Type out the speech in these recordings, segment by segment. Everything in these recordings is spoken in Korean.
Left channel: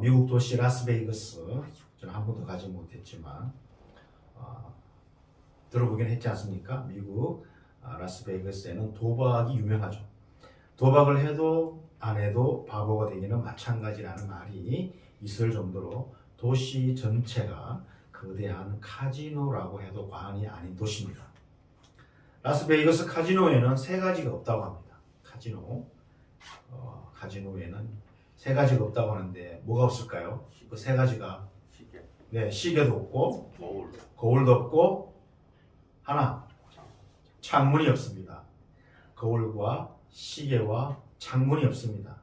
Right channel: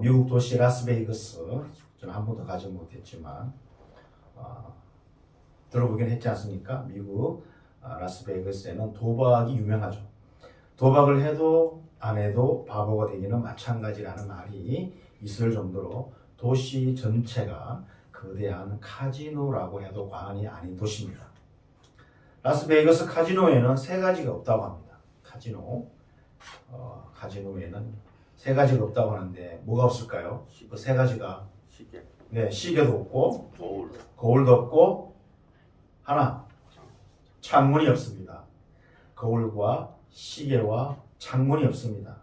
미국 도시 라스베이거스, 저는 한 번도 가지 못했지만 들어보긴 했지 않습니까? 미국 라스베이거스에는 도박이 유명하죠. 도박을 해도 안 해도 바보가 되기는 마찬가지라는 말이 있을 정도로 도시 전체가 거대한 카지노라고 해도 과언이 아닌 도시입니다. 라스베이거스 카지노에는 세 가지가 없다고 합니다. 카지노에는 세 가지가 없다고 하는데 뭐가 없을까요? 그 세 가지가 시계도 없고 거울도 없고 하나, 창문이 없습니다. 거울과 시계와 창문이 없습니다.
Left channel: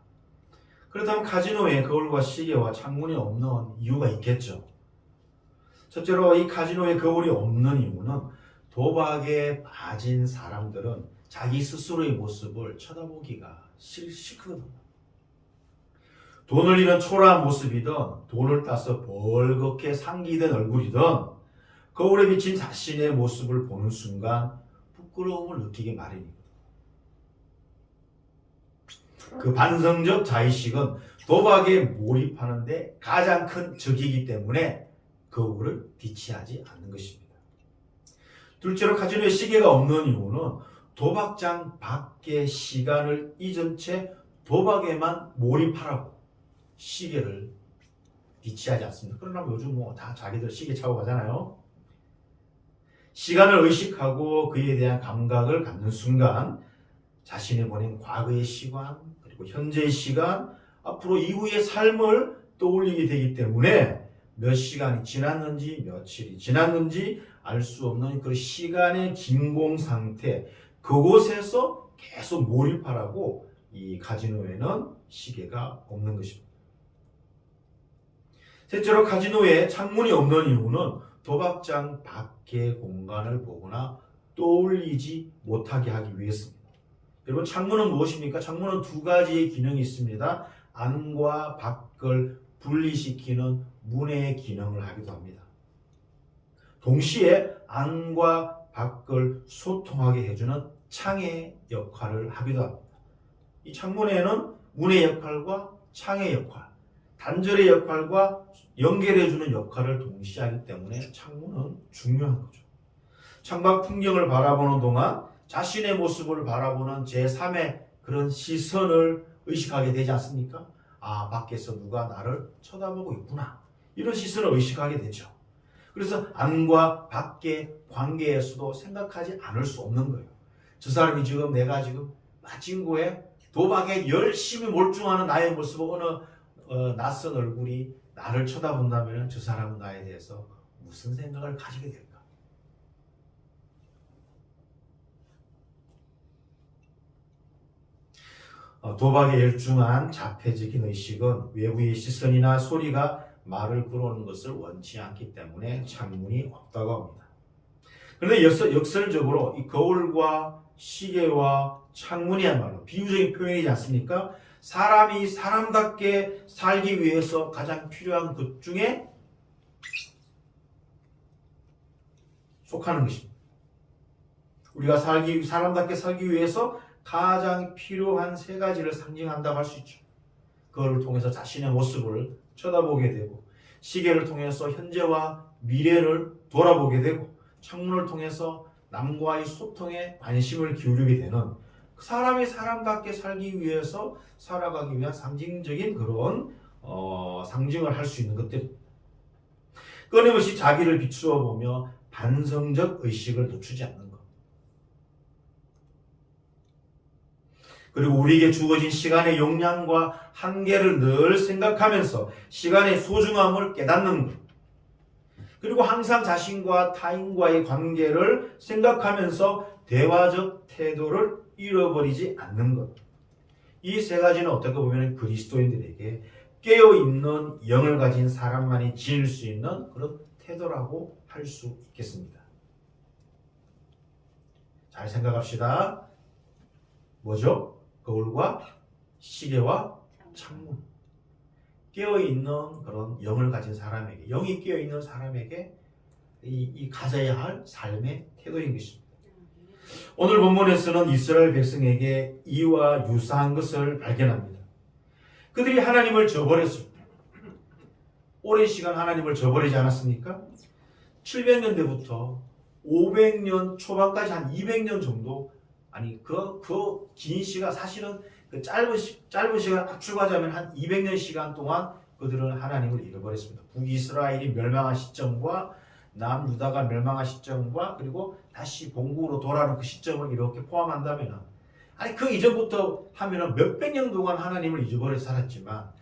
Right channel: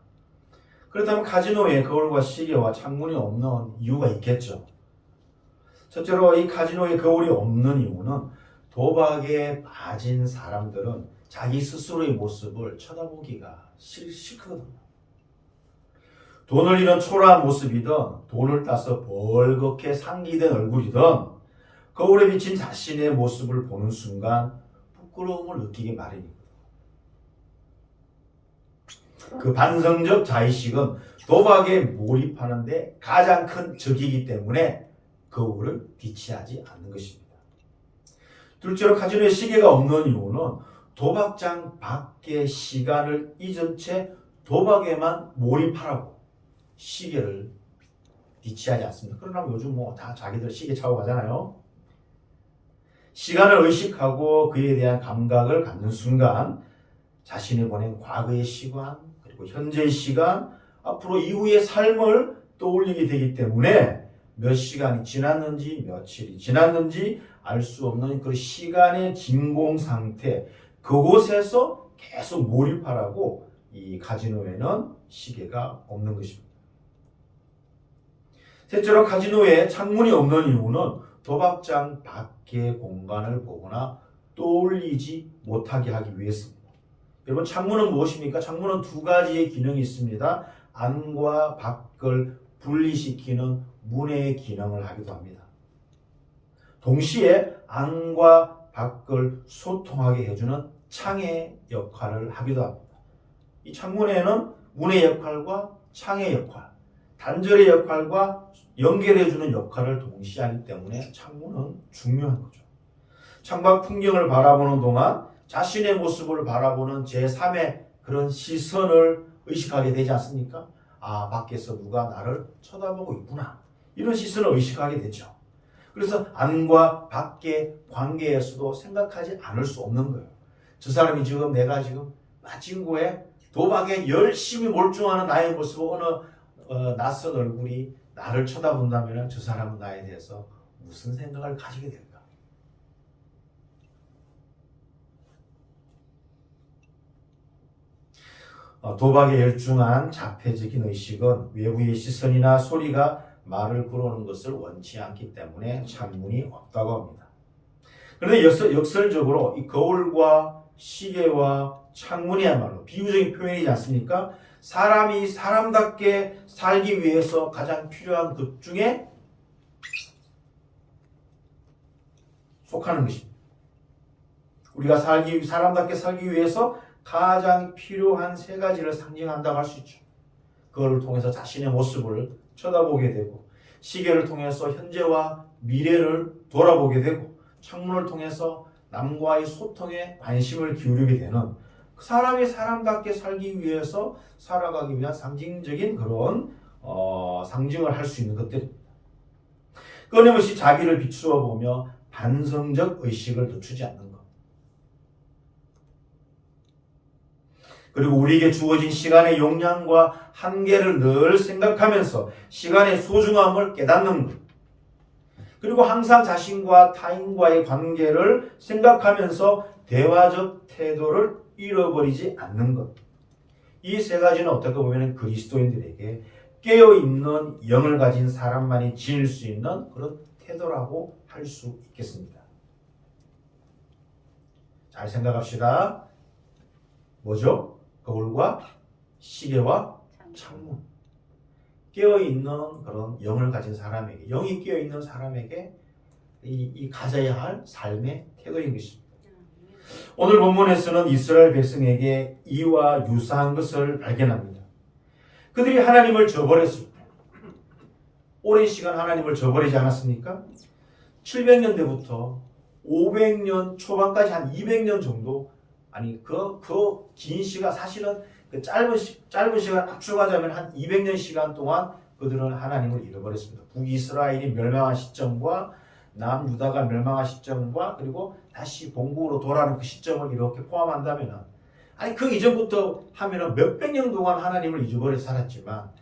그렇다면 카지노에 거울과 시계와 창문이 없는 이유가 있겠죠. 첫째로 이 카지노에 거울이 없는 이유는 도박에 빠진 사람들은 자기 스스로의 모습을 쳐다보기가 싫거든요. 돈을 잃은 초라한 모습이든 돈을 따서 벌겋게 상기된 얼굴이든 거울에 비친 자신의 모습을 보는 순간 부끄러움을 느끼기 마련입니다. 그 반성적 자의식은 도박에 몰입하는데 가장 큰 적이기 때문에 거울을 비치하지 않는 것입니다. 둘째로 카지노에 시계가 없는 이유는 도박장 밖의 시간을 잊은 채 도박에만 몰입하라고 시계를 비치하지 않습니다. 그러나 요즘 다 자기들 시계 차고 가잖아요. 시간을 의식하고 그에 대한 감각을 갖는 순간 자신이 보낸 과거의 시간, 그리고 현재의 시간, 앞으로 이후의 삶을 떠올리게 되기 때문에 몇 시간이 지났는지 며칠이 지났는지 알 수 없는 그 시간의 진공 상태, 그곳에서 계속 몰입하라고 이 카지노에는 시계가 없는 것입니다. 셋째로 카지노에 창문이 없는 이유는 도박장 밖의 공간을 보거나 떠올리지 못하게 하기 위해서입니다. 여러분, 창문은 무엇입니까? 창문은 두 가지의 기능이 있습니다. 안과 밖을 분리시키는 문의 기능을 하기도 합니다. 동시에 안과 밖을 소통하게 해주는 창의 역할을 하기도 합니다. 이 창문에는 문의 역할과 창의 역할, 단절의 역할과 연결해주는 역할을 동시에 하기 때문에 창문은 중요한 거죠. 창밖 풍경을 바라보는 동안 자신의 모습을 바라보는 제3의 그런 시선을 의식하게 되지 않습니까? 아, 밖에서 누가 나를 쳐다보고 있구나. 이런 시선을 의식하게 되죠. 그래서 안과 밖의 관계에서도 생각하지 않을 수 없는 거예요. 저 사람이 지금 내가 지금 빠진거에 도박에 열심히 몰두하는 나의 모습, 어느 낯선 얼굴이 나를 쳐다본다면 저 사람은 나에 대해서 무슨 생각을 가지게 될까? 도박에 열중한 자폐적인 의식은 외부의 시선이나 소리가 말을 걸어오는 것을 원치 않기 때문에 창문이 없다고 합니다. 그런데 역설적으로 이 거울과 시계와 창문이야말로 비유적인 표현이지 않습니까? 사람이 사람답게 살기 위해서 가장 필요한 것 중에 속하는 것입니다. 우리가 사람답게 살기 위해서 가장 필요한 세 가지를 상징한다고 할 수 있죠. 그걸 통해서 자신의 모습을 쳐다보게 되고, 시계를 통해서 현재와 미래를 돌아보게 되고, 창문을 통해서 남과의 소통에 관심을 기울이게 되는, 사람이 사람답게 살기 위해서 살아가기 위한 상징적인 그런 상징을 할 수 있는 것들입니다. 끊임없이 자기를 비추어 보며 반성적 의식을 늦추지 않는 것. 그리고 우리에게 주어진 시간의 용량과 한계를 늘 생각하면서 시간의 소중함을 깨닫는 것. 그리고 항상 자신과 타인과의 관계를 생각하면서 대화적 태도를 잃어버리지 않는 것. 이 세 가지는 어떻게 보면 그리스도인들에게 깨어있는 영을 가진 사람만이 지닐 수 있는 그런 태도라고 할 수 있겠습니다. 잘 생각합시다. 뭐죠? 거울과 시계와 창문. 깨어있는 그런 영을 가진 사람에게, 영이 깨어있는 사람에게 이 가져야 할 삶의 태도인 것입니다. 오늘 본문에서는 이스라엘 백성에게 이와 유사한 것을 발견합니다. 그들이 하나님을 저버렸을 때, 오랜 시간 하나님을 저버리지 않았습니까? 700년대부터 500년 초반까지 한 200년 정도, 아니 그 긴 시간, 사실은 그 짧은 시간 압축하자면 한 200년 시간 동안 그들은 하나님을 잃어버렸습니다. 북이스라엘이 멸망한 시점과 남유다가 멸망한 시점과 그리고 다시 본국으로 돌아오는 그 시점을 이렇게 포함한다면, 아니 그 이전부터 하면은 몇백 년 동안 하나님을 잊어버려 살았지만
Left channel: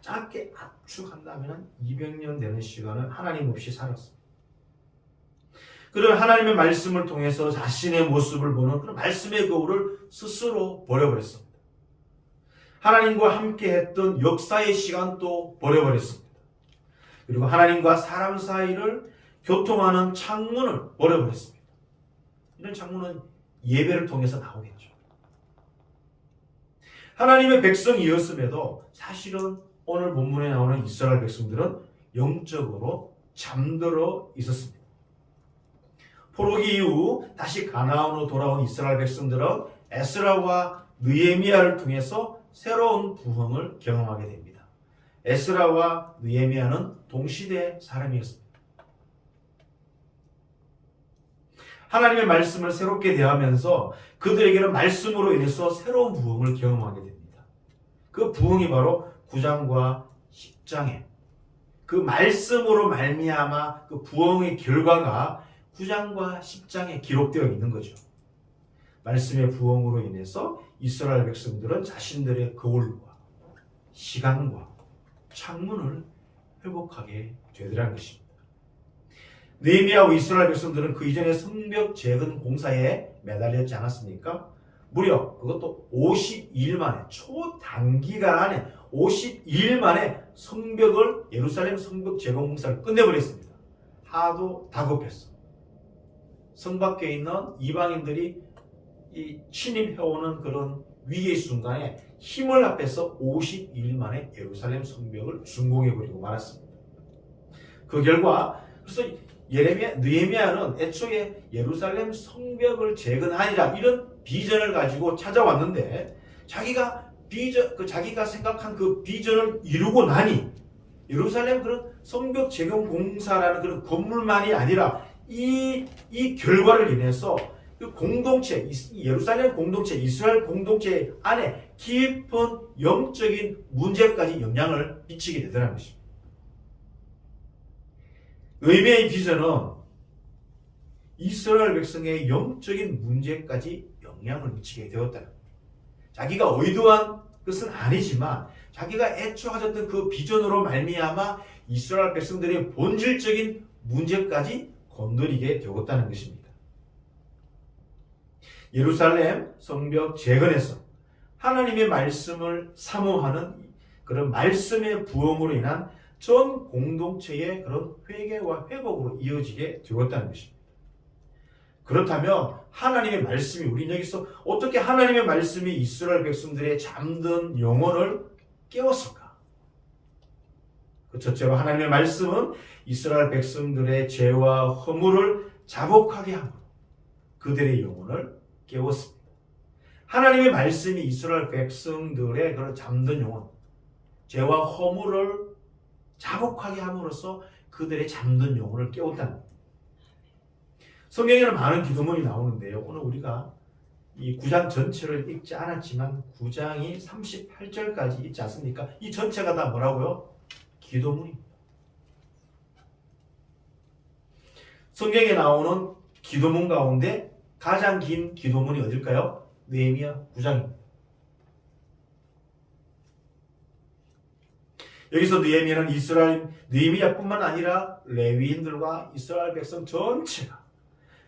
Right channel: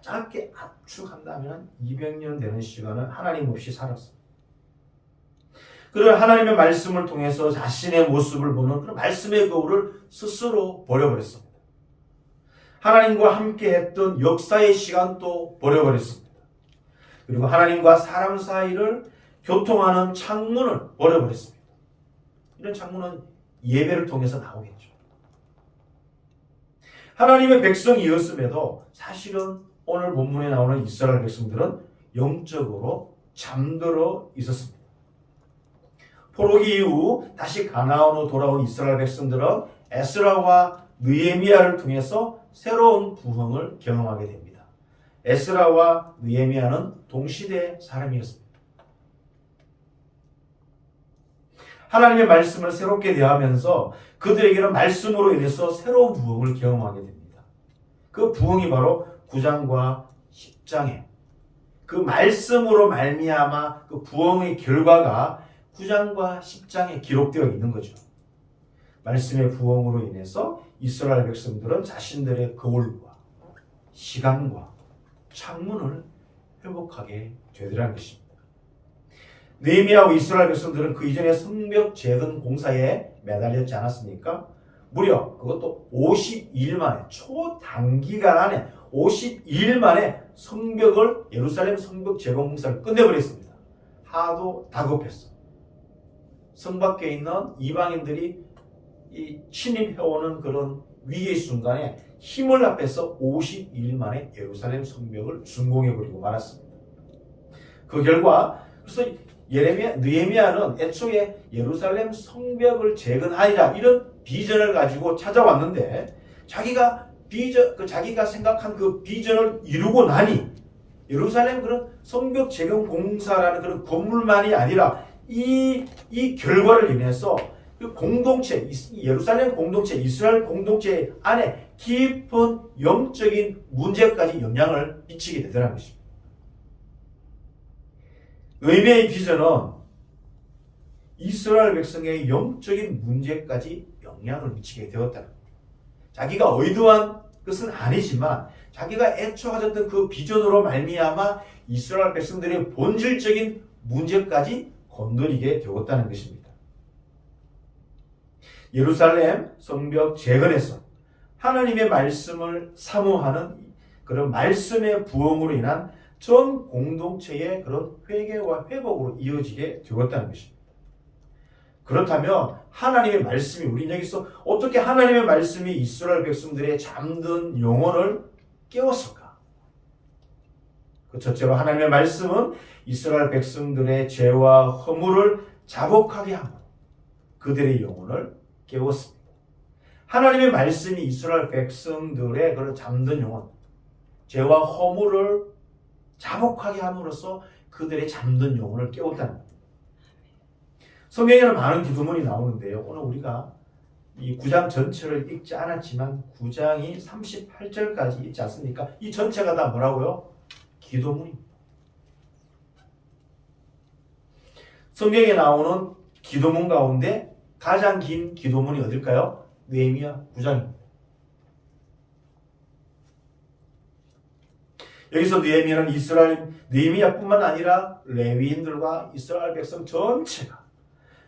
짧게 압축한다면 200년 되는 시간을 하나님 없이 살았습니다. 그런 하나님의 말씀을 통해서 자신의 모습을 보는 그런 말씀의 거울을 스스로 버려버렸습니다. 하나님과 함께 했던 역사의 시간도 버려버렸습니다. 그리고 하나님과 사람 사이를 교통하는 창문을 버려버렸습니다. 이런 창문은 예배를 통해서 나오겠죠. 하나님의 백성이었음에도 사실은 오늘 본문에 나오는 이스라엘 백성들은 영적으로 잠들어 있었습니다. 포로기 이후 다시 가나안으로 돌아온 이스라엘 백성들은 에스라와 느헤미야를 통해서 새로운 부흥을 경험하게 됩니다. 에스라와 느헤미야는 동시대 사람이었습니다. 하나님의 말씀을 새롭게 대하면서 그들에게는 말씀으로 인해서 새로운 부흥을 경험하게 됩니다. 그 부흥이 바로 9장과 10장에 그 말씀으로 말미암아 그 부흥의 결과가 9장과 10장에 기록되어 있는 거죠. 말씀의 부흥으로 인해서 이스라엘 백성들은 자신들의 거울과 시간과 창문을 회복하게 되더라는 것입니다. 느헤미야와 이스라엘 백성들은 그 이전에 성벽 재건 공사에 매달렸지 않았습니까? 무려 그것도 52일 만에, 초단기간 안에 52일 만에 예루살렘 성벽 재건 공사를 끝내버렸습니다. 하도 다급했어. 성 밖에 있는 이방인들이 침입해오는 그런 위기의 순간에 힘을 합해서 52일 만에 예루살렘 성벽을 준공해버리고 말았습니다. 그 결과 그래서 느헤미야는 애초에 예루살렘 성벽을 재건하리라 이런 비전을 가지고 찾아왔는데 자기가 생각한 그 비전을 이루고 나니 예루살렘 그런 성벽 재건 공사라는 그런 건물만이 아니라 이 결과를 인해서 그 공동체, 예루살렘 공동체, 이스라엘 공동체 안에 깊은 영적인 문제까지 영향을 미치게 되더라는 것입니다. 느헤미야의 비전은 이스라엘 백성의 영적인 문제까지 영향을 미치게 되었다는 겁니다. 자기가 의도한 것은 아니지만 자기가 애초 가졌던 그 비전으로 말미암아 이스라엘 백성들의 본질적인 문제까지 건드리게 되었다는 것입니다. 예루살렘 성벽 재건에서 하나님의 말씀을 사모하는 그런 말씀의 부흥으로 인한 전 공동체의 그런 회개와 회복으로 이어지게 되었다는 것입니다. 그렇다면 하나님의 말씀이, 우리는 여기서 어떻게 하나님의 말씀이 이스라엘 백성들의 잠든 영혼을 깨웠을까? 그 첫째로 하나님의 말씀은 이스라엘 백성들의 죄와 허물을 자복하게 함으로 그들의 영혼을 깨웠습니다. 하나님의 말씀이 이스라엘 백성들의 그런 잠든 영혼, 죄와 허물을 자복하게 함으로써 그들의 잠든 영혼을 깨웠다는 겁니다. 성경에는 많은 기도문이 나오는데요. 오늘 우리가 이 9장 전체를 읽지 않았지만 9장이 38절까지 있지 않습니까? 이 전체가 다 뭐라고요? 기도문입니다. 성경에 나오는 기도문 가운데 가장 긴 기도문이 어딜까요? 느헤미야 9장입니다. 여기서 느헤미야는 느헤미야뿐만 아니라 레위인들과 이스라엘 백성 전체가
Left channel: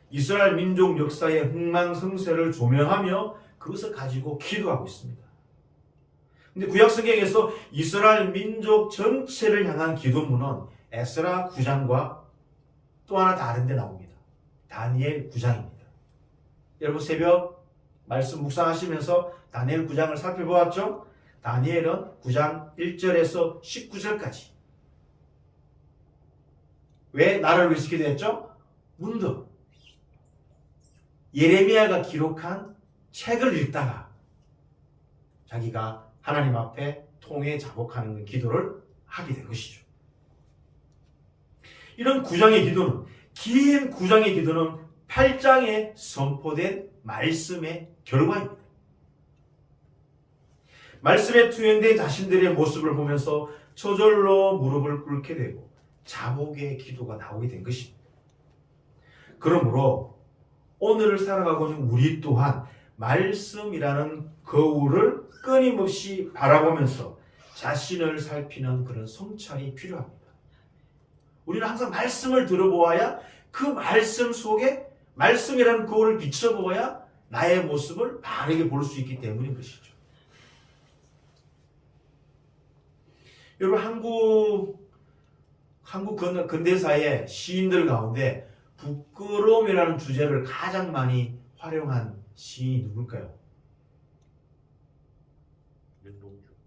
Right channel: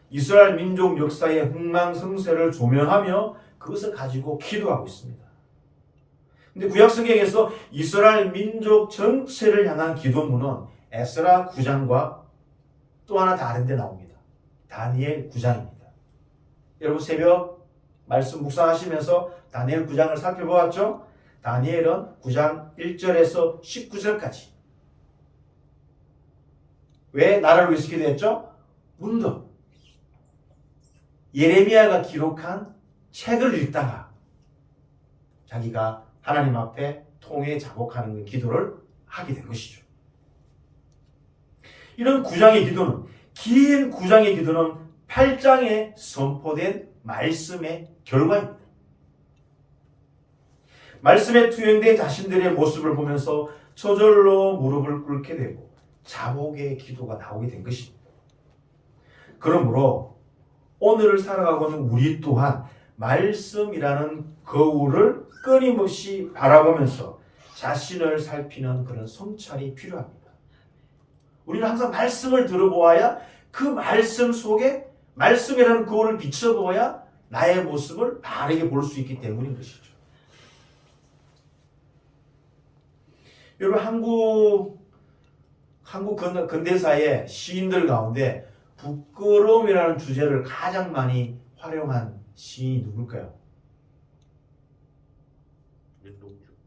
이스라엘 민족 역사의 흥망성쇠를 조명하며 그것을 가지고 기도하고 있습니다. 근데 구약성경에서 이스라엘 민족 전체를 향한 기도문은 에스라 9장과 또 하나 다른 데 나옵니다. 다니엘 9장입니다. 여러분 새벽 말씀 묵상하시면서 다니엘 9장을 살펴보았죠? 다니엘은 9장 1절에서 19절까지 왜 나를 위해서 기도했죠? 문득 예레미야가 기록한 책을 읽다가 자기가 하나님 앞에 통회 자복하는 기도를 하게 된 것이죠. 이런 9장의 기도는, 긴 9장의 기도는 8장에 선포된 말씀의 결과입니다. 말씀에 투영된 자신들의 모습을 보면서 저절로 무릎을 꿇게 되고 자복의 기도가 나오게 된 것입니다. 그러므로 오늘을 살아가고 있는 우리 또한 말씀이라는 거울을 끊임없이 바라보면서 자신을 살피는 그런 성찰이 필요합니다. 우리는 항상 말씀을 들어보아야 그 말씀 속에 말씀이라는 거울을 비춰보아야 나의 모습을 바르게 볼 수 있기 때문인 것이죠. 여러분, 한국 근대사의 시인들 가운데 부끄러움이라는 주제를 가장 많이 활용한 시인이 누굴까요?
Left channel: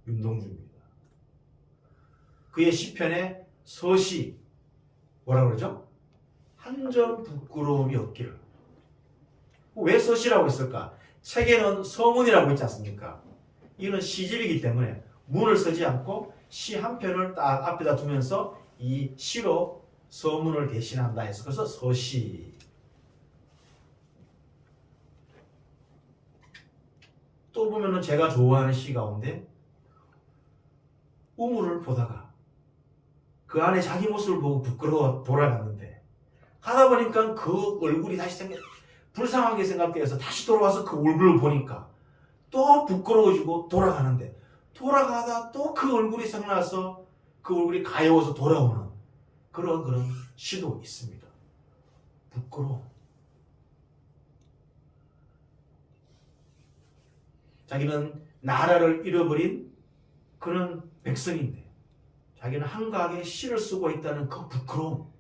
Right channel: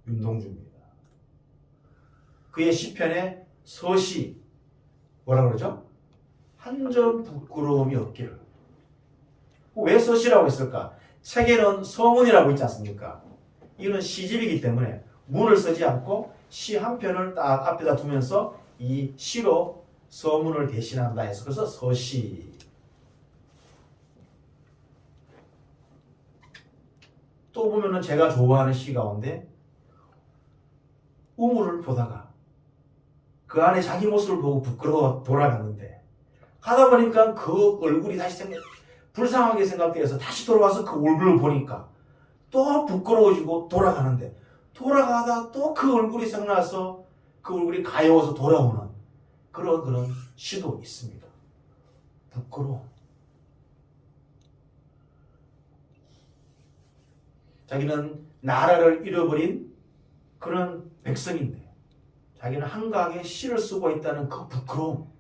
윤동주입니다. 그의 시편에 서시 뭐라 그러죠? 한 점 부끄러움이 없기를. 왜 서시라고 했을까? 책에는 서문이라고 있지 않습니까? 이거는 시집이기 때문에 문을 쓰지 않고 시 한 편을 딱 앞에다 두면서 이 시로 서문을 대신한다 해서 그래서 서시. 또 보면은 제가 좋아하는 시 가운데 우물을 보다가 그 안에 자기 모습을 보고 부끄러워 돌아갔는데 가다 보니까 그 얼굴이 다시 불쌍하게 생각돼서 다시 돌아와서 그 얼굴을 보니까 또 부끄러워지고 돌아가는데 돌아가다 또 그 얼굴이 생각나서 그 얼굴이 가여워서 돌아오는 그런 시도 있습니다. 부끄러워. 자기는 나라를 잃어버린 그런 백성인데 자기는 한가하게 시를 쓰고 있다는 그 부끄러움.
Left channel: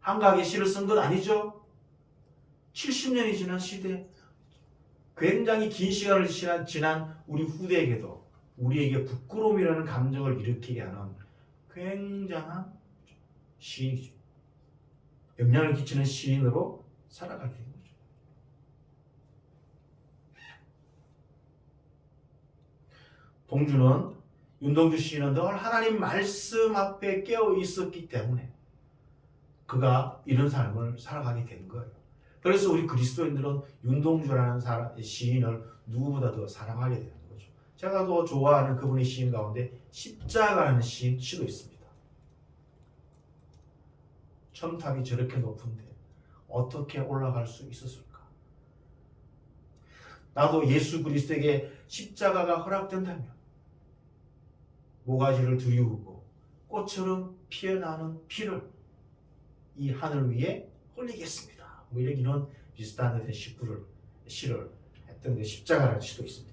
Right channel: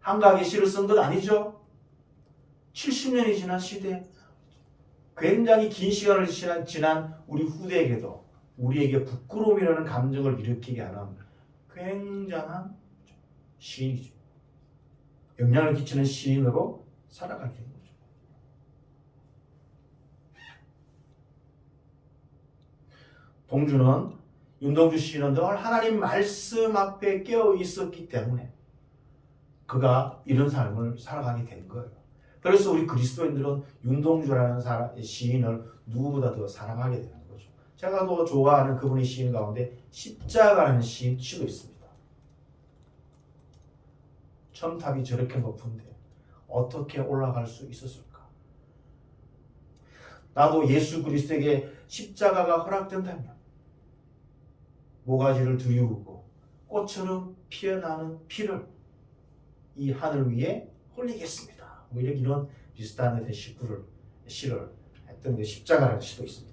한가하게 시를 쓴 것 아니죠? 70년이 지난 시대, 굉장히 긴 시간을 지난 우리 후대에게도 우리에게 부끄러움이라는 감정을 일으키게 하는 굉장한 시인이죠. 영향을 끼치는 시인으로 살아가게 된 거죠. 윤동주 시인은 늘 하나님 말씀 앞에 깨어 있었기 때문에 그가 이런 삶을 살아가게 된 거예요. 그래서 우리 그리스도인들은 윤동주라는 시인을 누구보다 더 사랑하게 되는 거죠. 제가 더 좋아하는 그분의 시인 가운데 십자가라는 시도 있습니다. 첨탑이 저렇게 높은데 어떻게 올라갈 수 있었을까? 나도 예수 그리스도에게 십자가가 허락된다면 모가지를 들이우고 꽃처럼 피어나는 피를 이 하늘 위에 흘리겠습니다. 뭐 이런 비슷한 시를 했던 게 십자가라는 시도 있습니다.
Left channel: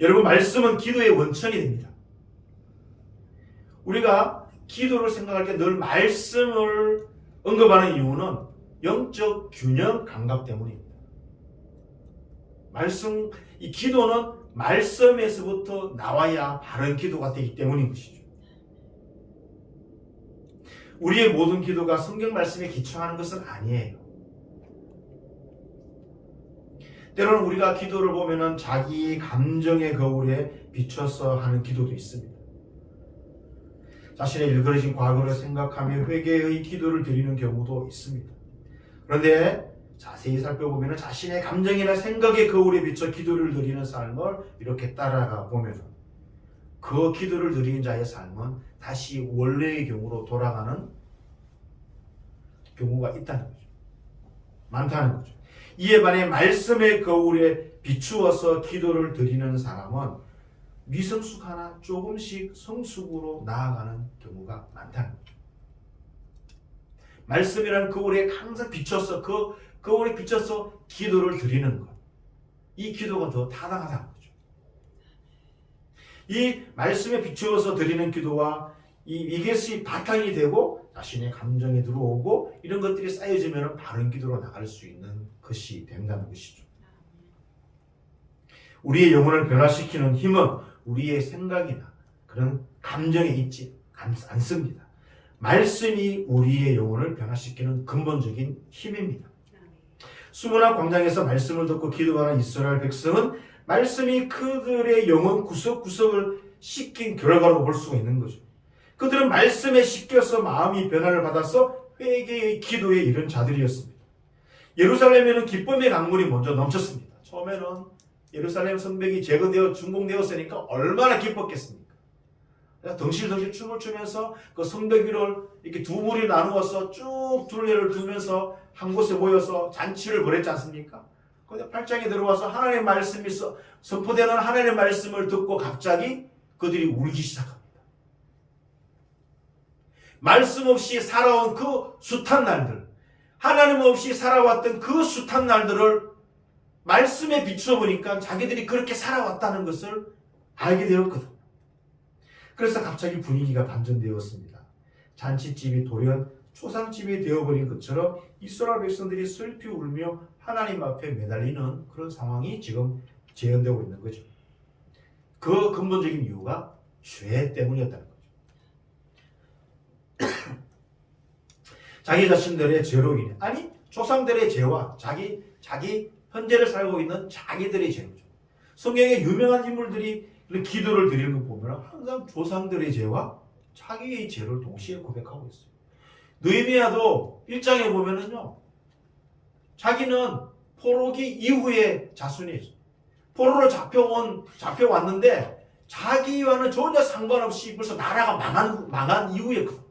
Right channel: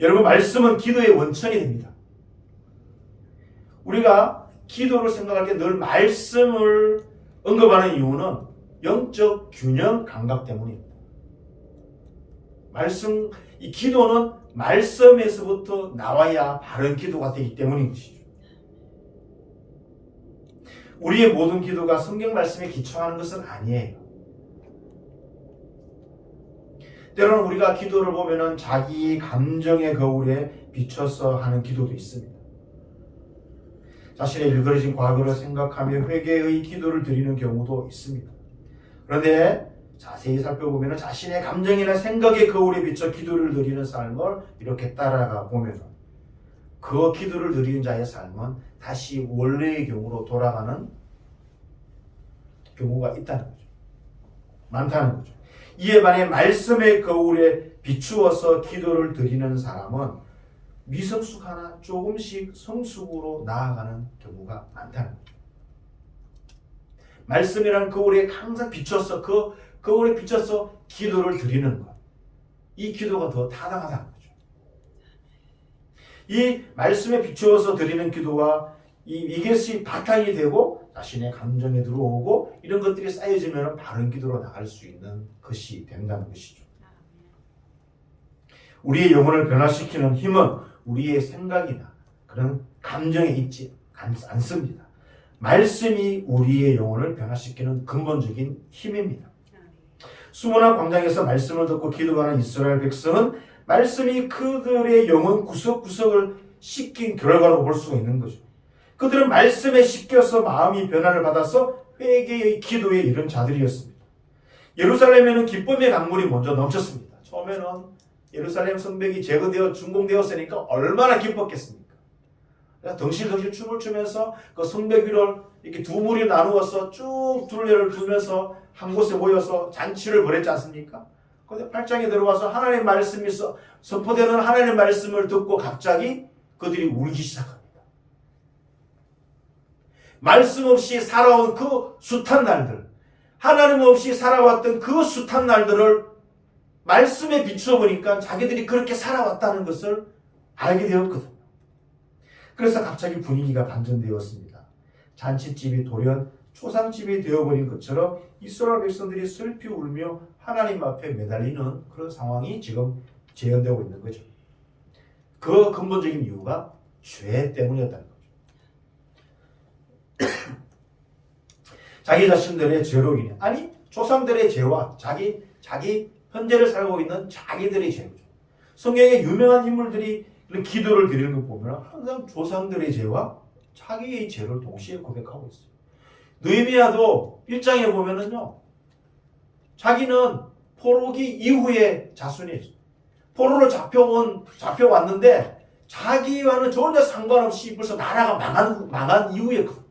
여러분, 말씀은 기도의 원천이 됩니다. 우리가 기도를 생각할 때 늘 말씀을 언급하는 이유는 영적 균형 감각 때문입니다. 이 기도는 말씀에서부터 나와야 바른 기도가 되기 때문인 것이죠. 우리의 모든 기도가 성경 말씀에 기초하는 것은 아니에요. 때로는 우리가 기도를 보면은 자기 감정의 거울에 비춰서 하는 기도도 있습니다. 자신의 일그러진 과거를 생각하며 회개의 기도를 드리는 경우도 있습니다. 그런데 자세히 살펴보면 자신의 감정이나 생각의 거울에 비춰 기도를 드리는 삶을 이렇게 따라가 보면 그 기도를 드리는 자의 삶은 다시 원래의 경우로 돌아가는 경우가 있다는 거죠. 많다는 거죠. 이에 반해 말씀의 거울에 비추어서 기도를 드리는 사람은 미성숙 하나 조금씩 성숙으로 나아가는 경우가 많다는 거죠. 말씀이라는 거울에 항상 비춰서 그 거울에 비춰서 기도를 드리는 것. 이 기도가 더 타당하다는 거죠. 이 말씀에 비추어서 드리는 기도와 이것이 바탕이 되고 자신의 감정에 들어오고 이런 것들이 쌓여지면 바른 기도로 나갈 수 있는 것이 된다는 것이죠. 우리의 영혼을 변화시키는 힘은 우리의 생각이나 그런 감정에 있지 않습니다. 말씀이 우리의 영혼을 변화시키는 근본적인 힘입니다. 수문화 광장에서 말씀을 듣고 기도하는 이스라엘 백성은 말씀이 그들의 영혼 구석구석을 씻긴 결과라고 볼 수가 있는 거죠. 그들은 말씀에 씻겨서 마음이 변화를 받아서 회개의 기도에 이른 자들이었습니다. 예루살렘에는 기쁨의 강물이 먼저 넘쳤습니다. 처음에는 예루살렘 성벽이 재건되어 준공되었으니까 얼마나 기뻤겠습니까? 덩실덩실 춤을 추면서 그 성벽 위를 이렇게 두 무리 나누어서 쭉 둘레를 두면서 한 곳에 모여서 잔치를 벌였지 않습니까? 그런데 8장에 들어가서 하나님의 말씀이 선포되는 하나님의 말씀을 듣고 갑자기 그들이 울기 시작합니다. 말씀 없이 살아온 그 숱한 날들, 하나님 없이 살아왔던 그 숱한 날들을 말씀에 비추어 보니까 자기들이 그렇게 살아왔다는 것을 알게 되었거든요. 그래서 갑자기 분위기가 반전되었습니다. 잔치집이 돌연 초상집이 되어버린 것처럼 이스라엘 백성들이 슬피 울며 하나님 앞에 매달리는 그런 상황이 지금 재현되고 있는 거죠. 그 근본적인 이유가 죄 때문이었다는 거죠. 자기 자신들의 죄로 인해, 아니 조상들의 죄와 자기 현재를 살고 있는 자기들의 죄죠. 성경에 유명한 인물들이 이런 기도를 드리는 거 보면 항상 조상들의 죄와 자기의 죄를 동시에 고백하고 있어요. 느헤미야도 1장에 보면은요, 자기는 포로기 이후에 자손이에요. 포로로 잡혀왔는데 자기와는 전혀 상관없이 벌써 나라가 망한 이후였거든.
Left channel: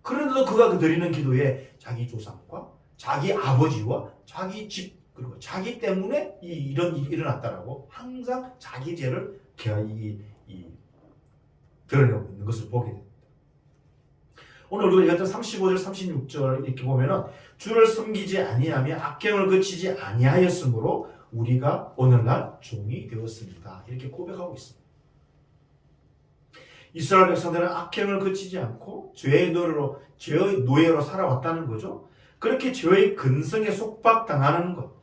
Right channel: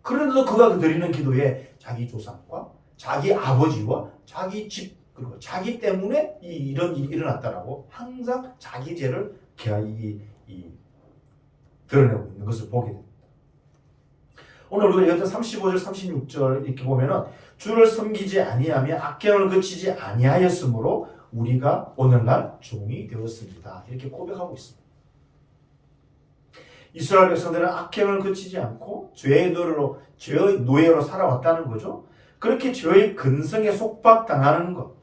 그런데도 그가 드리는 기도에 자기 조상과 자기 아버지와 자기 집, 그리고 자기 때문에 이런 일이 일어났다라고 항상 자기 죄를 드러내고 있는 것을 보게 됩니다. 오늘 우리가 35절 36절 이렇게 보면은 주를 섬기지 아니하며 악행을 그치지 아니하였으므로 우리가 오늘날 종이 되었습니다. 이렇게 고백하고 있습니다. 이스라엘 백성들은 악행을 그치지 않고 죄의 노예로 살아왔다는 거죠. 그렇게 죄의 근성에 속박당하는 것,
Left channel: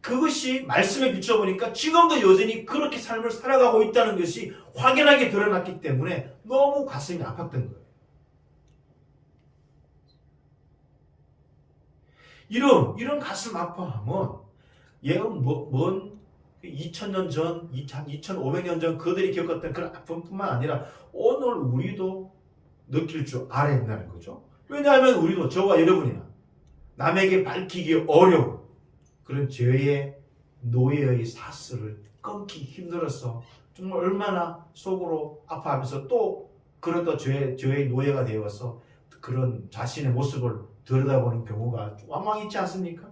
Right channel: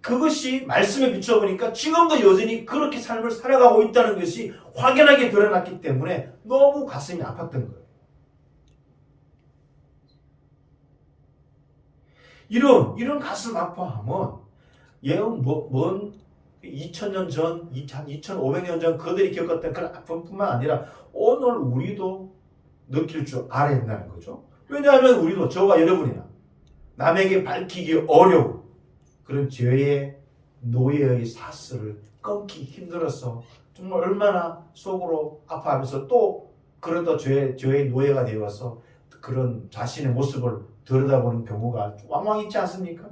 그것이 말씀에 비춰보니까 지금도 여전히 그렇게 삶을 살아가고 있다는 것이 확연하게 드러났기 때문에 너무 가슴이 아팠던 거예요. 이런 가슴 아파함은 먼 2000년 전, 2500년 전 그들이 겪었던 그런 아픔뿐만 아니라 오늘 우리도 느낄 줄 알아야 된다는 거죠. 왜냐하면 우리도 저와 여러분이나 남에게 밝히기 어려운 그런 죄의 노예의 사슬을 끊기 힘들어서 정말 얼마나 속으로 아파하면서 또 그런 또 죄의 노예가 되어서 그런 자신의 모습을 들여다보는 경우가 왕왕 있지 않습니까?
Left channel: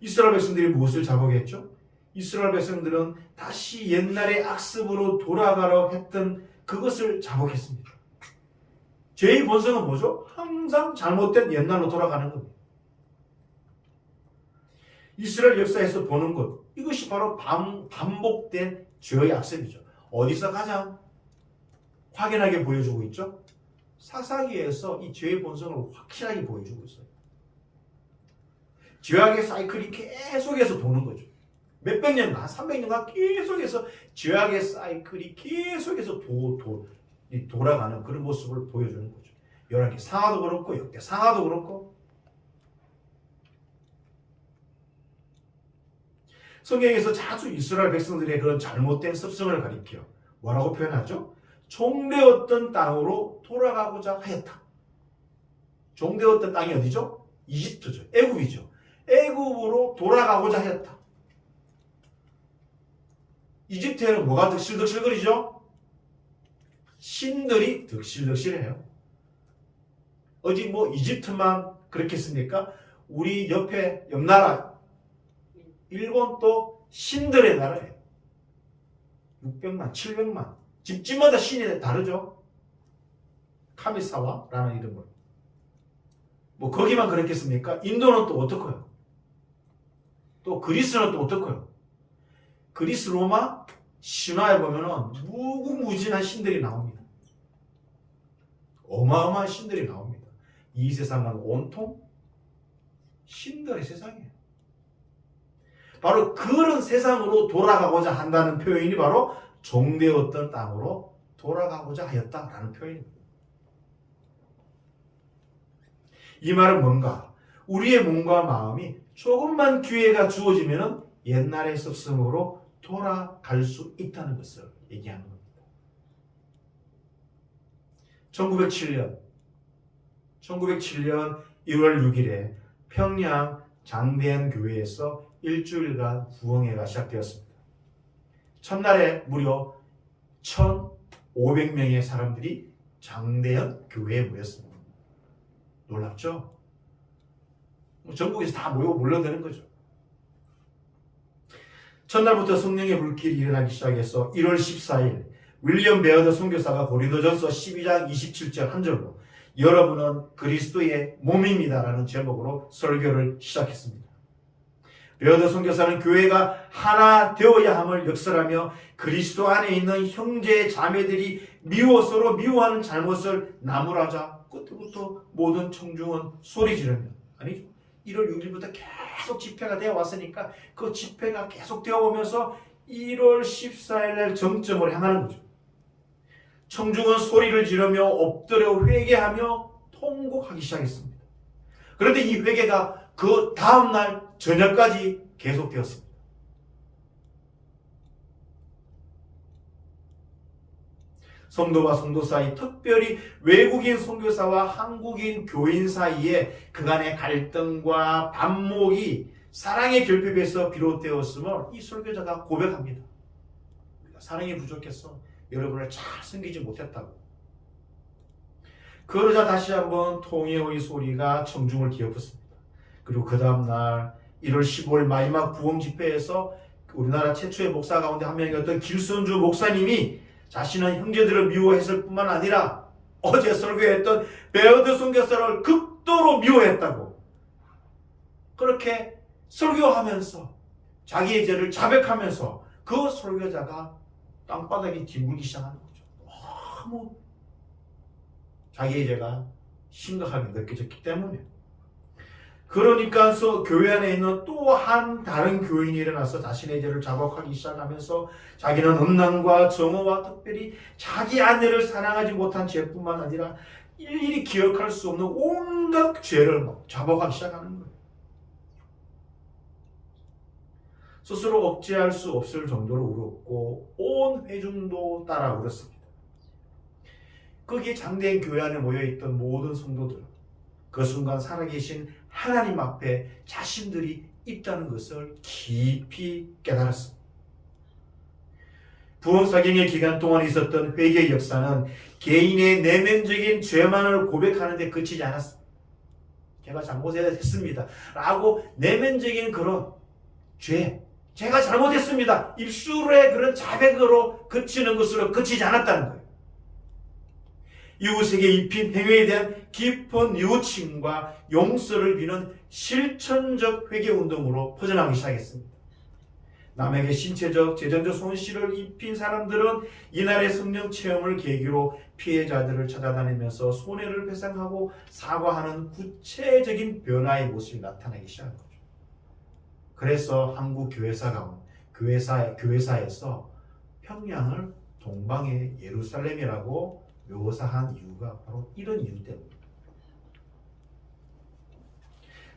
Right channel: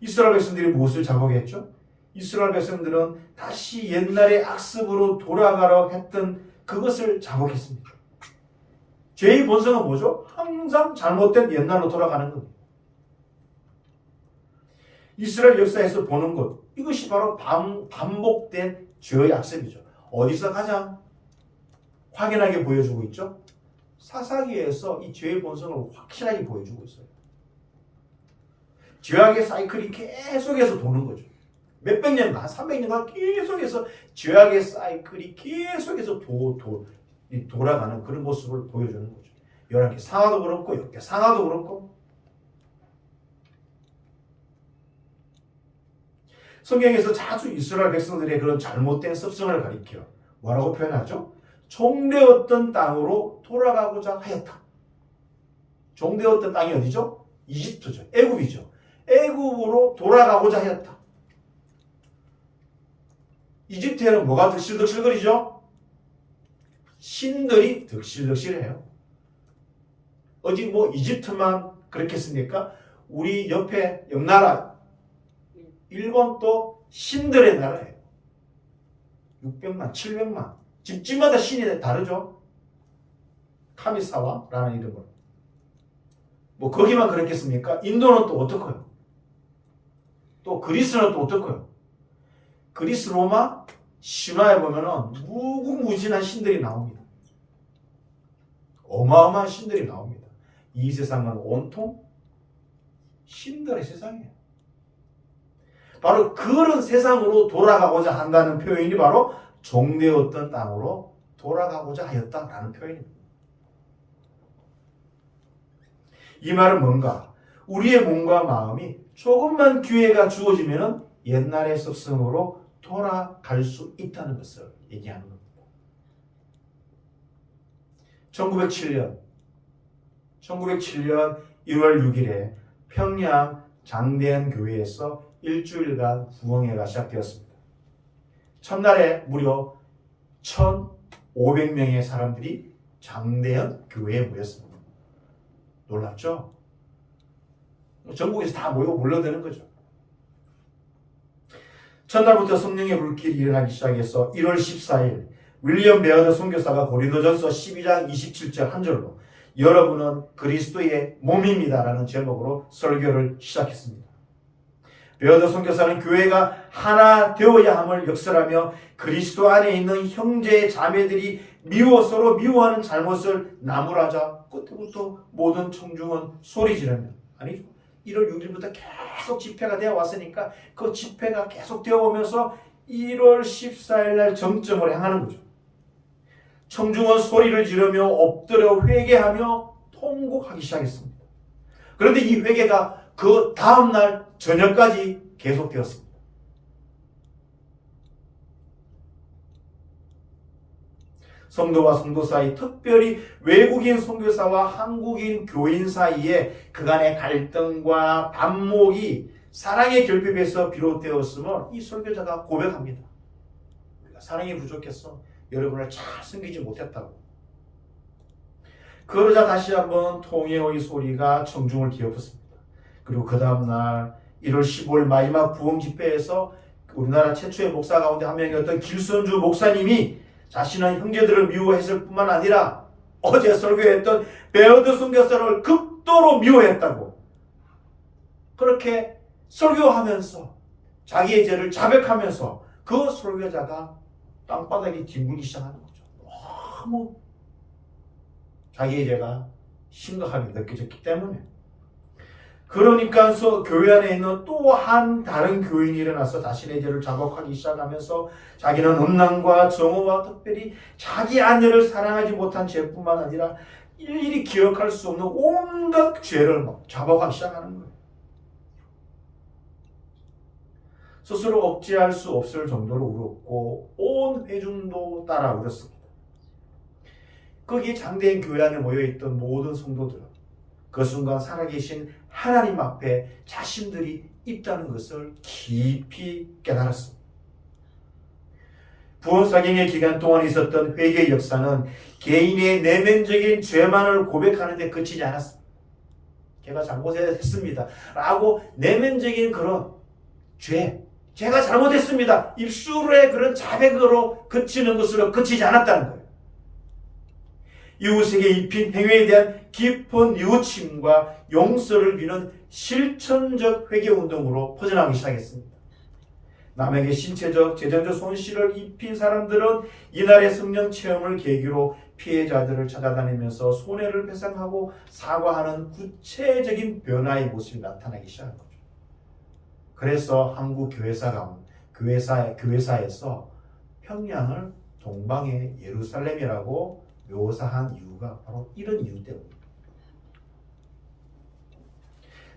이스라엘 백성들이 무엇을 자복했죠? 이스라엘 백성들은 다시 옛날의 악습으로 돌아가려 했던 그것을 자복했습니다. 죄의 본성은 뭐죠? 항상 잘못된 옛날로 돌아가는 겁니다. 이스라엘 역사에서 보는 것, 이것이 바로 반복된 죄의 악습이죠. 어디서 가장 확연하게 보여주고 있죠? 사사기에서 이 죄의 본성을 확실하게 보여주고 있어요. 죄악의 사이클이 계속해서 도는 거죠. 몇백 년간, 300년간 계속해서 죄악의 사이클이 계속해서 돌아가는 그런 모습을 보여주는 거죠. 열왕기 상하도 그렇고 역대 상하도 그렇고 성경에서 자주 이스라엘 백성들의 그런 잘못된 습성을 가리켜 뭐라고 표현하죠? 종되었던 땅으로 돌아가고자 하였다. 종되었던 땅이 어디죠? 이집트죠. 애굽이죠. 애굽으로 돌아가고자 하였다. 이집트에는 뭐가 득실득실거리죠? 신들이 득실득실해요. 어디 이집트만 그렇겠습니까? 우리 옆 나라 일본도 신들의 나라예요. 600만, 700만. 집집마다 신이 다르죠. 카미사와라는 이름으로. 거기만 그렇겠습니까? 인도는 또 어떻고요? 또 그리스는 또 어떻고요? 그리스 로마 신화에 보면은 무궁무진한 신들이 나옵니다. 어마어마한 신들이 나옵니다. 이 세상은 온통 신들의 세상이에요. 바로 그런 세상으로 돌아가고자 한다는 표현이 바로 종되었던 땅으로 돌아가고자 하였다라는 표현입니다. 이 말은 뭔가? 우리의 몸과 마음이 조금만 기회가 주어지면 옛날의 습성으로 돌아갈 수 있다는 것을 얘기하는 겁니다. 1907년 1월 6일에 평양 장대현 교회에서 일주일간 부흥회가 시작되었습니다. 첫날에 무려 1,500명의 사람들이 장대현 교회에 모였습니다. 놀랍죠? 전국에서 다 몰려드는 거죠. 첫날부터 성령의 불길이 일어나기 시작해서 1월 14일 윌리엄 베어더 선교사가 고린도전서 12장 27절 한 절로 여러분은 그리스도의 몸입니다 라는 제목으로 설교를 시작했습니다. 베어더 선교사는 교회가 하나 되어야 함을 역설하며 그리스도 안에 있는 형제 자매들이 서로 미워하는 잘못을 나무라자 끝부터 모든 청중은 소리 지르며, 아니죠, 1월 6일부터 계속 집회가 되어 왔으니까 그 집회가 계속 되어 오면서 1월 14일 날 정점을 향하는 거죠. 청중은 소리를 지르며 엎드려 회개하며 통곡하기 시작했습니다. 그런데 이 회개가 그 다음날 저녁까지 계속되었습니다. 성도와 성도 사이, 특별히 외국인 선교사와 한국인 교인 사이에 그간의 갈등과 반목이 사랑의 결핍에서 비롯되었음을 이 설교자가 고백합니다. 우리가 사랑이 부족해서 여러분을 잘 섬기지 못했다고. 그러자 다시 한번 통회의 소리가 청중을 뒤엎었습니다. 그리고 그 다음날 1월 15일 마지막 부흥 집회에서 우리나라 최초의 목사 가운데 한 명이었던 길선주 목사님이 자신은 형제들을 미워했을 뿐만 아니라 어제 설교했던 베어더 선교사를 극도로 미워했다고, 그렇게 설교하면서 자기의 죄를 자백하면서 그 설교자가 땅바닥에 뒹굴기 시작하는 거죠. 너무 자기의 죄가 심각하게 느껴졌기 때문에. 그러니까 교회 안에 있는 또 한 다른 교인이 일어나서 자신의 죄를 자복하기 시작하면서 자기는 음란과 정오와 특별히 자기 아내를 사랑하지 못한 죄뿐만 아니라 일일이 기억할 수 없는 온갖 죄를 막 자복하기 시작하는 거예요. 스스로 억제할 수 없을 정도로 울었고 온 회중도 따라 울었습니다. 거기에 장대현 교회 안에 모여있던 모든 성도들은 그 순간 살아계신 하나님 앞에 자신들이 있다는 것을 깊이 깨달았습니다. 부흥사경의 기간 동안 있었던 회개의 역사는 개인의 내면적인 죄만을 고백하는 데 그치지 않았습니다. 제가 잘못했습니다 라고 내면적인 그런 제가 잘못했습니다, 입술의 그런 자백으로 그치는 것으로 그치지 않았다는 거예요. 이웃에게 입힌 행위에 대한 깊은 뉘우침과 용서를 비는 실천적 회개운동으로 퍼져나가기 시작했습니다. 남에게 신체적, 재정적 손실을 입힌 사람들은 이날의 성령 체험을 계기로 피해자들을 찾아다니면서 손해를 배상하고 사과하는 구체적인 변화의 모습이 나타나기 시작한 거죠. 그래서 한국 교회사에서 평양을 동방의 예루살렘이라고 묘사한 이유가 바로 이런 이유 때문입니다.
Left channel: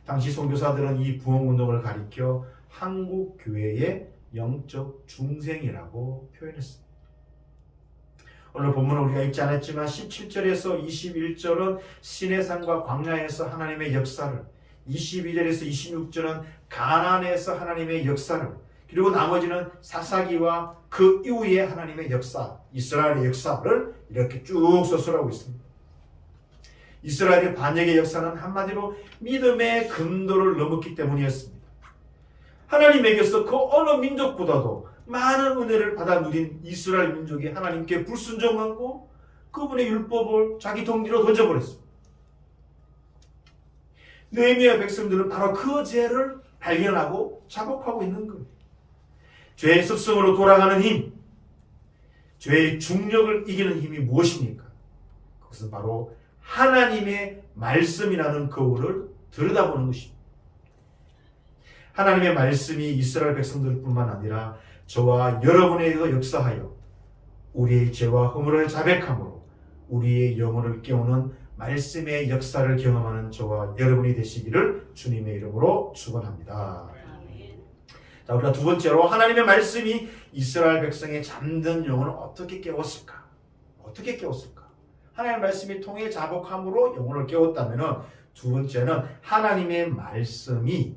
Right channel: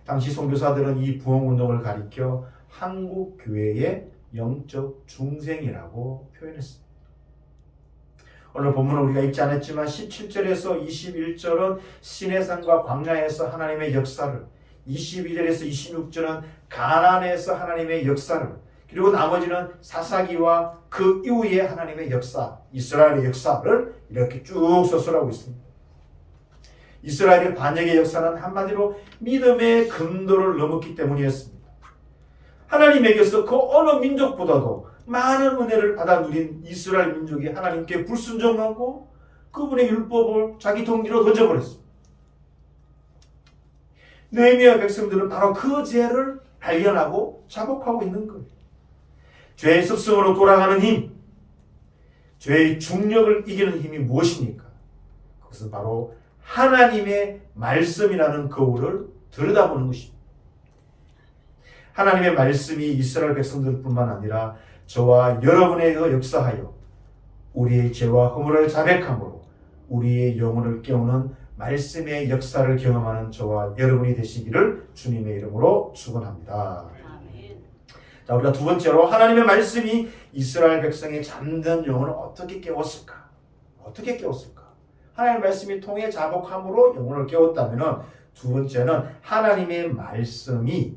당시 선교사들은 이 부흥운동을 가리켜 한국 교회의 영적 중생이라고 표현했습니다. 오늘 본문은 우리가 읽지 않았지만 17절에서 21절은 시내산과 광야에서 하나님의 역사를, 22절에서 26절은 가나안에서 하나님의 역사를, 그리고 나머지는 사사기와 그 이후의 하나님의 역사, 이스라엘의 역사를 이렇게 쭉 서술하고 있습니다. 이스라엘의 반역의 역사는 한마디로 믿음의 근도를 넘었기 때문이었습니다. 하나님에게서 그 어느 민족보다도 많은 은혜를 받아 누린 이스라엘 민족이 하나님께 불순종하고 그분의 율법을 자기 동기로 던져버렸습니다. 느헤미야 백성들은 바로 그 죄를 발견하고 자복하고 있는 거예요. 죄의 습성으로 돌아가는 힘, 죄의 중력을 이기는 힘이 무엇입니까? 그것은 바로 하나님의 말씀이라는 거울을 들여다보는 것입니다. 하나님의 말씀이 이스라엘 백성들뿐만 아니라 저와 여러분에게도 역사하여 우리의 죄와 허물을 자백함으로 우리의 영혼을 깨우는 말씀의 역사를 경험하는 저와 여러분이 되시기를 주님의 이름으로 축원합니다. 자, 우리가 두 번째로 하나님의 말씀이 이스라엘 백성의 잠든 영혼을 어떻게 깨웠을까? 하나님의 말씀이 통해 자복함으로 영혼을 깨웠다면, 두 번째는 하나님의 말씀은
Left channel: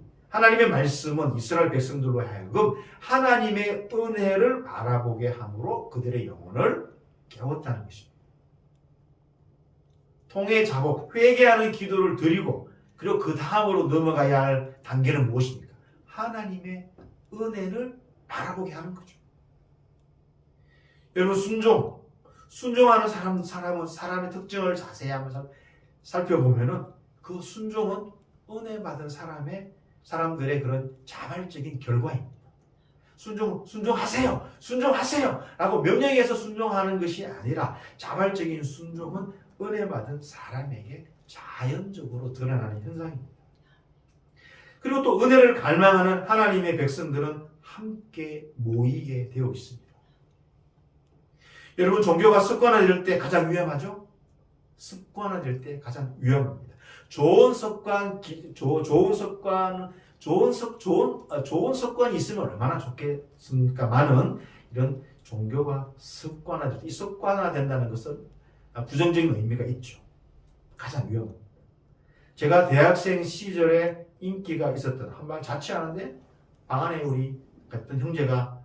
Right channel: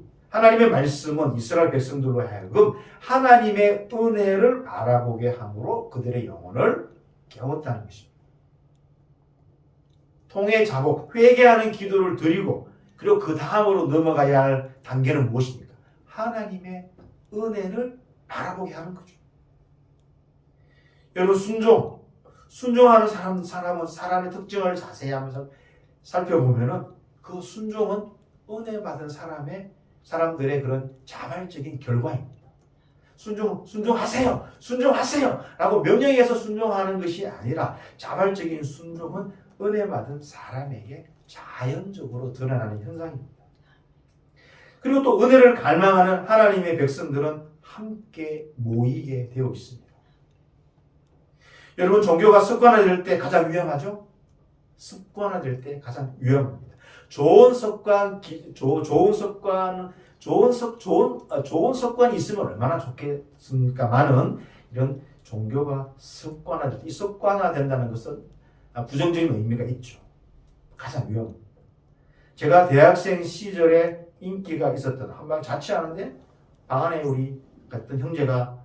이스라엘 백성들로 하여금 하나님의 은혜를 알아보게 함으로 그들의 영혼을 깨웠다는 것입니다. 통해 자복, 회개하는 기도를 드리고, 그리고 그 다음으로 넘어가야 할 단계는 무엇입니까? 하나님의 은혜를 알아보게 하는 거죠. 여러분, 순종하는 사람은 사람의 특징을 자세히 한번 살펴보면은 그 순종은 은혜 받은 사람들의 그런 자발적인 결과입니다. 순종하세요! 라고 명령해서 순종하는 것이 아니라 자발적인 순종은 은혜 받은 사람에게 자연적으로 드러나는 현상입니다. 그리고 또 은혜를 갈망하는 하나님의 백성들은 함께 모이게 되어 있습니다. 여러분, 종교가 습관화될 때 가장 위험하죠? 습관화될 때 가장 위험합니다. 좋은 습관이 있으면 얼마나 좋겠습니까만은 이런 종교가 습관화될 때, 이 습관화된다는 것은 부정적인 의미가 있죠. 가장 위험합니다. 제가 대학생 시절에 인기가 있었던, 한번 자취하는데 방 안에 우리 같은 형제가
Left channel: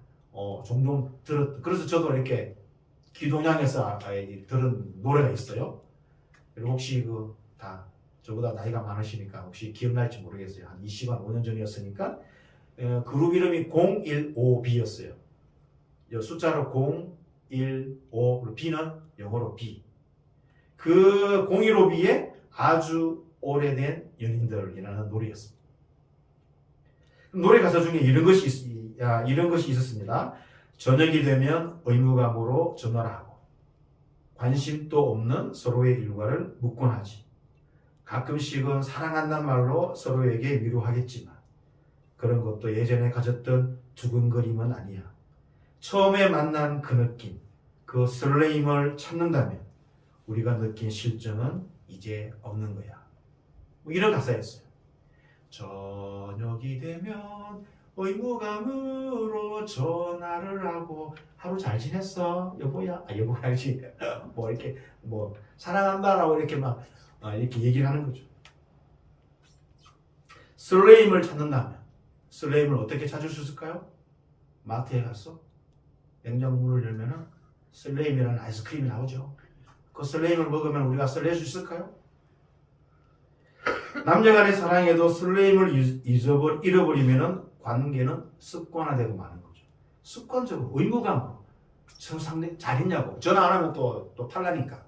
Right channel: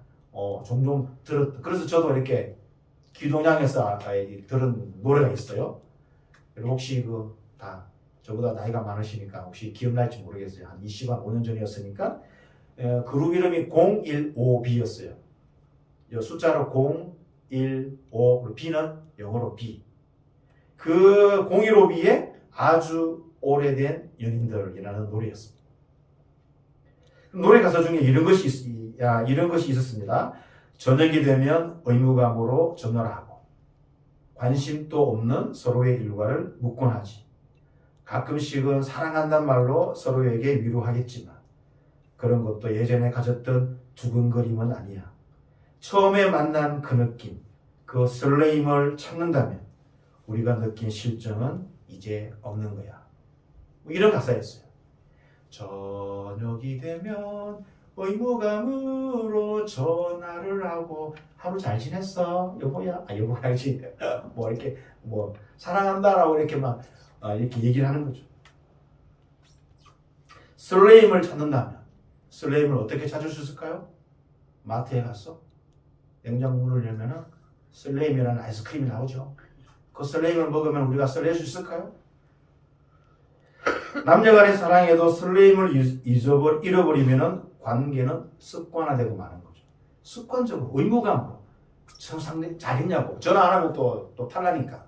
종종 그래서 저도 이렇게 기도냥에서 들은 노래가 있어요. 그리고 혹시 다 저보다 나이가 많으시니까 혹시 기억날지 모르겠어요. 한 25년 전이었으니까 그룹 이름이 015B였어요. 숫자로 015, B는 영어로 B. 그 015B의 아주 오래된 연인들이라는 노래였습니다. 노래 가사 중에 이런 것이 있었습니다. 저녁이 되면 의무감으로 전화를 하고 관심도 없는 서로의 일과를 묻곤 하지. 가끔씩은 사랑한다는 말로 서로에게 위로하겠지만 그런 것도 예전에 가졌던 두근거림은 아니야. 처음에 만난 그 느낌, 그 설레임을 찾는다면 우리가 느낀 실정은 이제 없는 거야. 이런 가사였어요. 저녁이 되면 의무감으로 전화를 하고 하루 잘 지냈어 여보야? 여보가 알지. 이렇게 사랑한다라고 이렇게 이렇게 얘기를 하는 거죠. 설레임을 찾는다면 설레임을 어떻게 찾을 수 있을까요? 마트에 가서 냉장고 문을 열면은 설레임이라는 아이스크림이 나오죠. 그 설레임을 먹으면 우리가 설렐 수 있을까요? 남녀간의 사랑에도 설레임을 잃어버리면은 관계는 습관화되고 마는 거죠. 습관적으로 의무감으로 상대 잘 있냐고 전화 안 하면 또 탈라니까.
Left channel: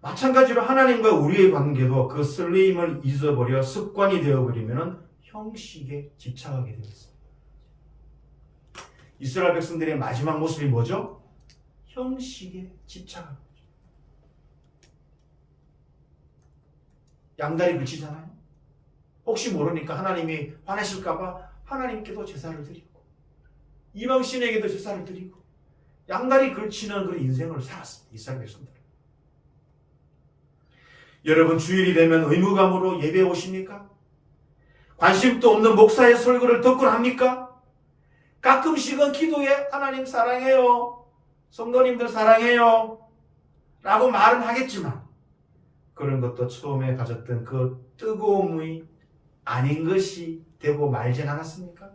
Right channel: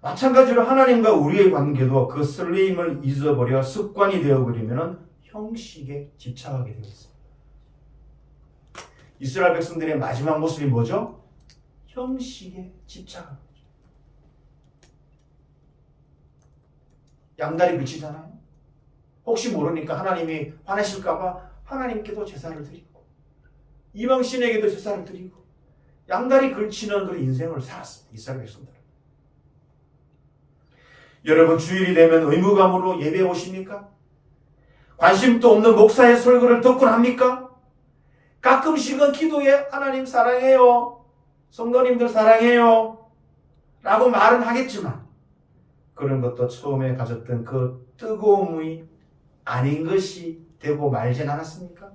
마찬가지로 하나님과 우리의 관계도 그 설레임을 잊어버려 습관이 되어버리면 형식에 집착하게 되어 있습니다. 이스라엘 백성들의 마지막 모습이 뭐죠? 형식에 집착하는 거죠. 양다리 걸치잖아요. 혹시 모르니까 하나님이 화내실까봐 하나님께도 제사를 드리고 이방신에게도 제사를 드리고 양다리 걸치는 그런 인생을 살았습니다. 이스라엘 백성들은. 여러분, 주일이 되면 의무감으로 예배에 오십니까? 관심도 없는 목사의 설교를 듣곤 합니까? 가끔씩은 기도에 하나님 사랑해요, 성도님들 사랑해요 라고 말은 하겠지만 그런 것도 처음에 가졌던 그 뜨거움이 아닌 것이 되고 말진 않았습니까?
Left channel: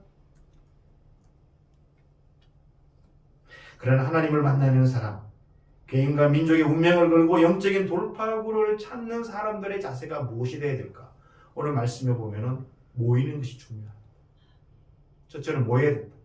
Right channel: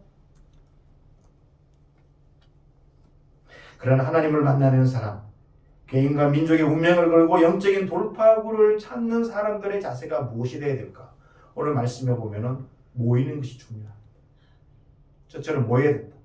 그러나 하나님을 만나는 사람, 개인과 민족의 운명을 걸고 영적인 돌파구를 찾는 사람들의 자세가 무엇이 되어야 될까? 오늘 말씀에 보면은 모이는 것이 중요합니다. 첫째는 모여야 된다.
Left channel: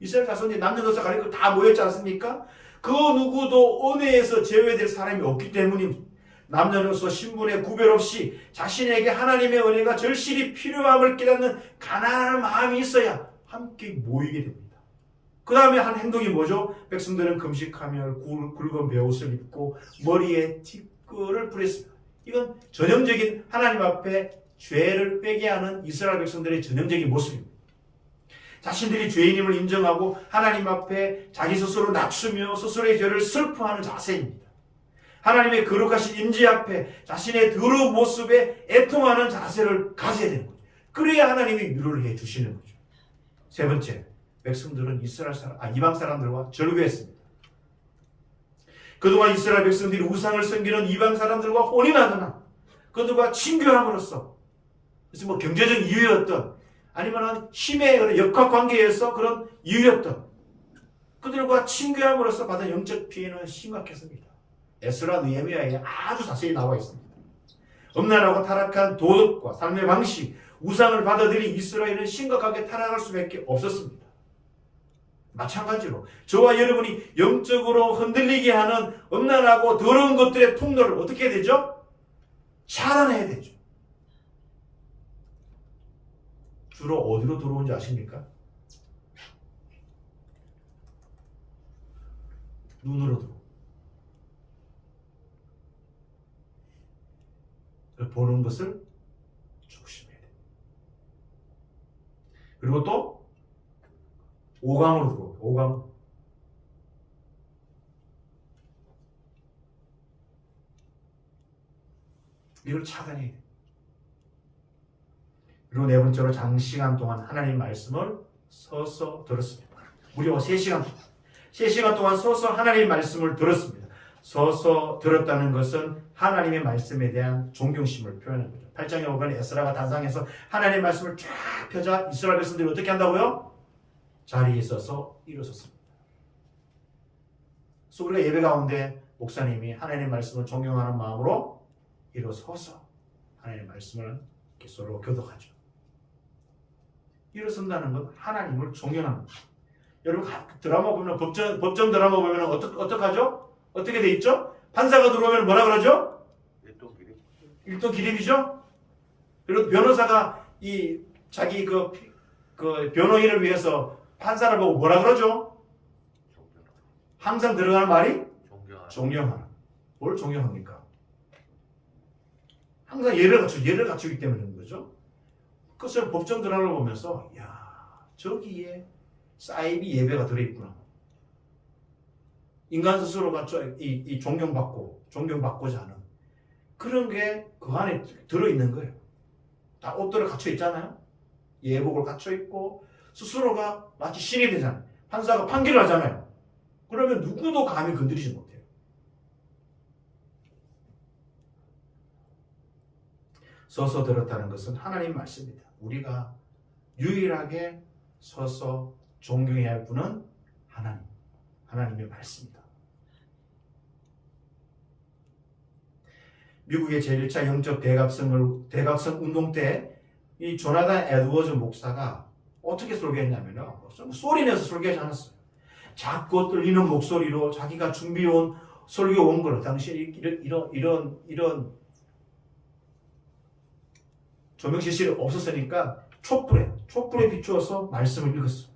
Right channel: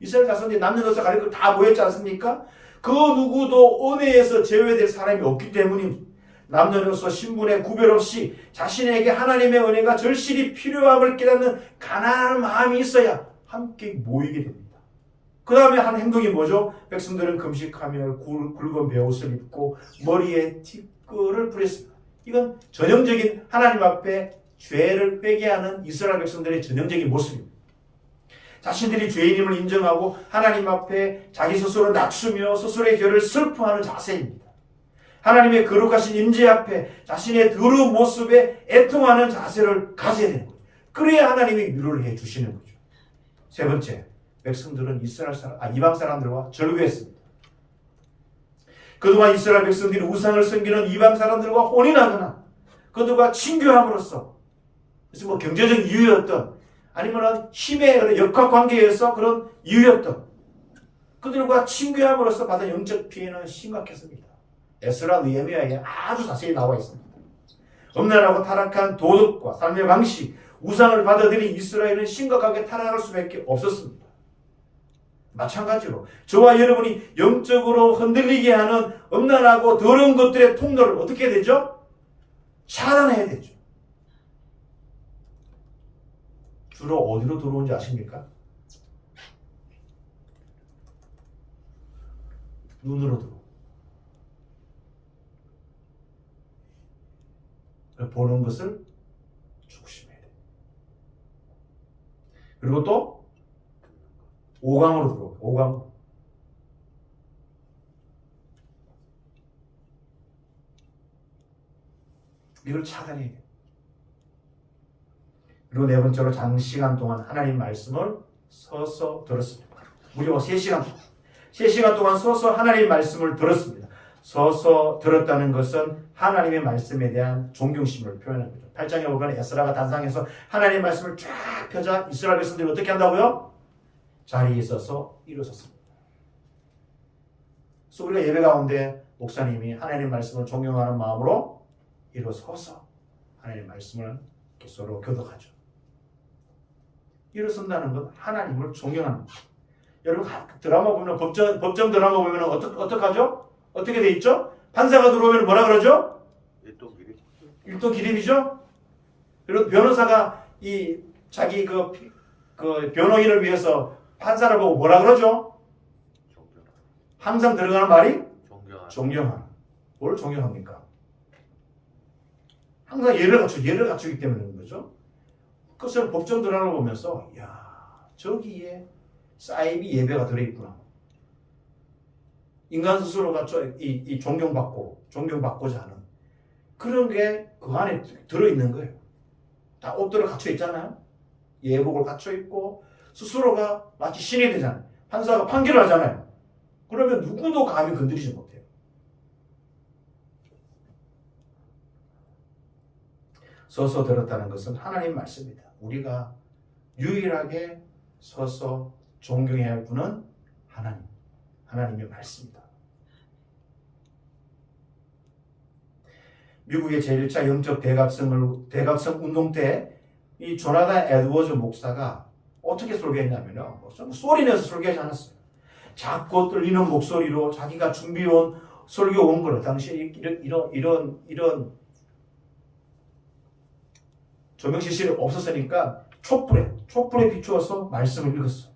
이스라엘 자손이 남녀노소 가리고 다 모였지 않습니까? 그 누구도 은혜에서 제외될 사람이 없기 때문입니다. 남녀노소 신분의 구별 없이 자신에게 하나님의 은혜가 절실히 필요함을 깨닫는 가난한 마음이 있어야 함께 모이게 됩니다. 그 다음에 한 행동이 뭐죠? 백성들은 금식하며 굵은 베옷을 입고 머리에 티끌을 뿌렸습니다. 이건 전형적인 하나님 앞에 죄를 회개하는 이스라엘 백성들의 전형적인 모습입니다. 자신들이 죄인임을 인정하고 하나님 앞에 자기 스스로 낮추며 스스로의 죄를 슬퍼하는 자세입니다. 하나님의 거룩하신 임재 앞에 자신의 더러운 모습에 애통하는 자세를 가져야 되는 거예요. 그래야 하나님이 위로를 해 주시는 거죠. 세 번째, 백성들은 이방 사람들과 절교했습니다. 그동안 이스라엘 백성들이 우상을 섬기는 이방 사람들과 혼인하거나 그들과 친교함으로써 그래서 뭐 경제적 이유였던 아니면 힘의 역학관계에서 그런 이유였던 그들과 친교함으로써 받은 영적 피해는 심각했습니다. 에스라 느헤미야에 아주 자세히 나와 있습니다. 음란하고 타락한 도덕과 삶의 방식, 우상을 받아들인 이스라엘은 심각하게 타락할 수밖에 없었습니다. 마찬가지로 저와 여러분이 영적으로 흔들리게 하는 음란하고 더러운 것들의 통로를 어떻게 해야 되죠? 차단해야 되죠. 주로 어디로 들어오는지 아십니까? 눈으로 들어오고 보는 것을 조심해야 돼요. 그리고 또 오감으로 들어오고 오감. 이걸 차단해야 돼요. 그리고 네 번째로 장시간 동안 하나님 말씀을 서서 들었습니다. 무려 3시간 동안. 3시간 동안 서서 하나님 말씀을 들었습니다. 서서 들었다는 것은 하나님의 말씀에 대한 존경심을 표현한 거죠. 8장에 보면 에스라가 단상에서 하나님의 말씀을 쫙 펴자 이스라엘 백성들이 어떻게 한다고요? 자리에 서서 일어섰습니다. 그래서 우리가 예배 가운데 목사님이 하나님의 말씀을 존경하는 마음으로 일어서서 하나님의 말씀을 서로 교독하죠. 일어선다는 건 하나님을 존경하는 거죠. 여러분 드라마 보면 법정 드라마 보면 어떡하죠? 어떻게 돼 있죠? 판사가 들어오면 뭐라 그러죠? 일도 기립이죠. 그리고 변호사가 이 자기 그 변호인을 위해서 판사를 보고 뭐라 그러죠? 항상 들어가는 말이 존경하라. 뭘 존경합니까? 항상 예를 갖추기 때문에 그런 거죠. 그것을 법정 드라마를 보면서 야 저기에 사이비 예배가 들어있구나. 인간 스스로가 이 존경받고자 하는 그런 게 그 안에 들어있는 거예요. 다 옷들을 갖춰 있잖아요. 예복을 갖춰 있고 스스로가 마치 신이 되잖아요. 판사가 판결을 하잖아요. 그러면 누구도 감히 건드리지 못해요. 서서 들었다는 것은 하나님 말씀입니다. 우리가 유일하게 서서 존경해야 할 분은 하나님의 말씀입니다. 미국의 제1차 영적 대각성 운동 때 이 조나단 에드워즈 목사가 어떻게 설교했냐면요. 좀 소리내서 설교하지 않았어요. 작고 떨리는 목소리로 자기가 준비해온 설교 원고를 당시에 이런 조명 시설이 없었으니까 촛불에 비추어서 말씀을 읽었어요.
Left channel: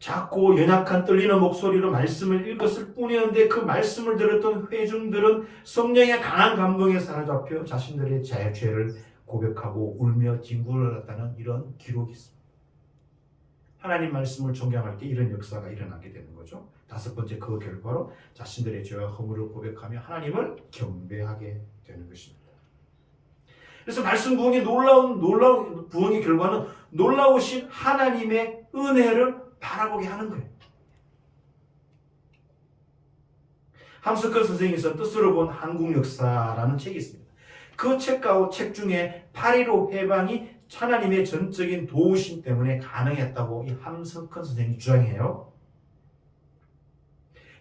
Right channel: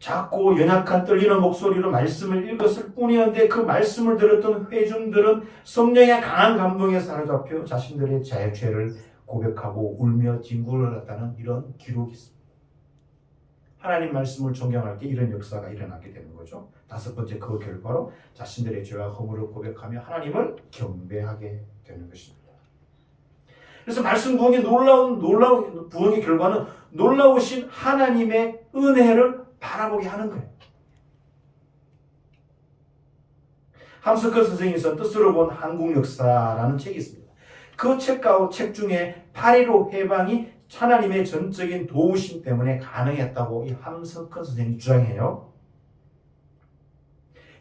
작고 연약한 떨리는 목소리로 말씀을 읽었을 뿐이었는데 그 말씀을 들었던 회중들은 성령의 강한 감동에 사로잡혀 자신들의 죄를 고백하고 울며 뒹굴을 했다는 이런 기록이 있습니다. 하나님 말씀을 존경할 때 이런 역사가 일어나게 되는 거죠. 5번째 그 결과로 자신들의 죄와 허물을 고백하며 하나님을 경배하게 되는 것입니다. 그래서 말씀 부흥의 놀라운 부흥의 결과는 놀라우신 하나님의 은혜를 바라보게 하는 거예요. 함스커 선생이 써 뜻으로 본 한국 역사라는 책이 있습니다. 그 책 중에 8.15 해방이 하나님의 전적인 도우심 때문에 가능했다고 이 함스커 선생이 주장해요.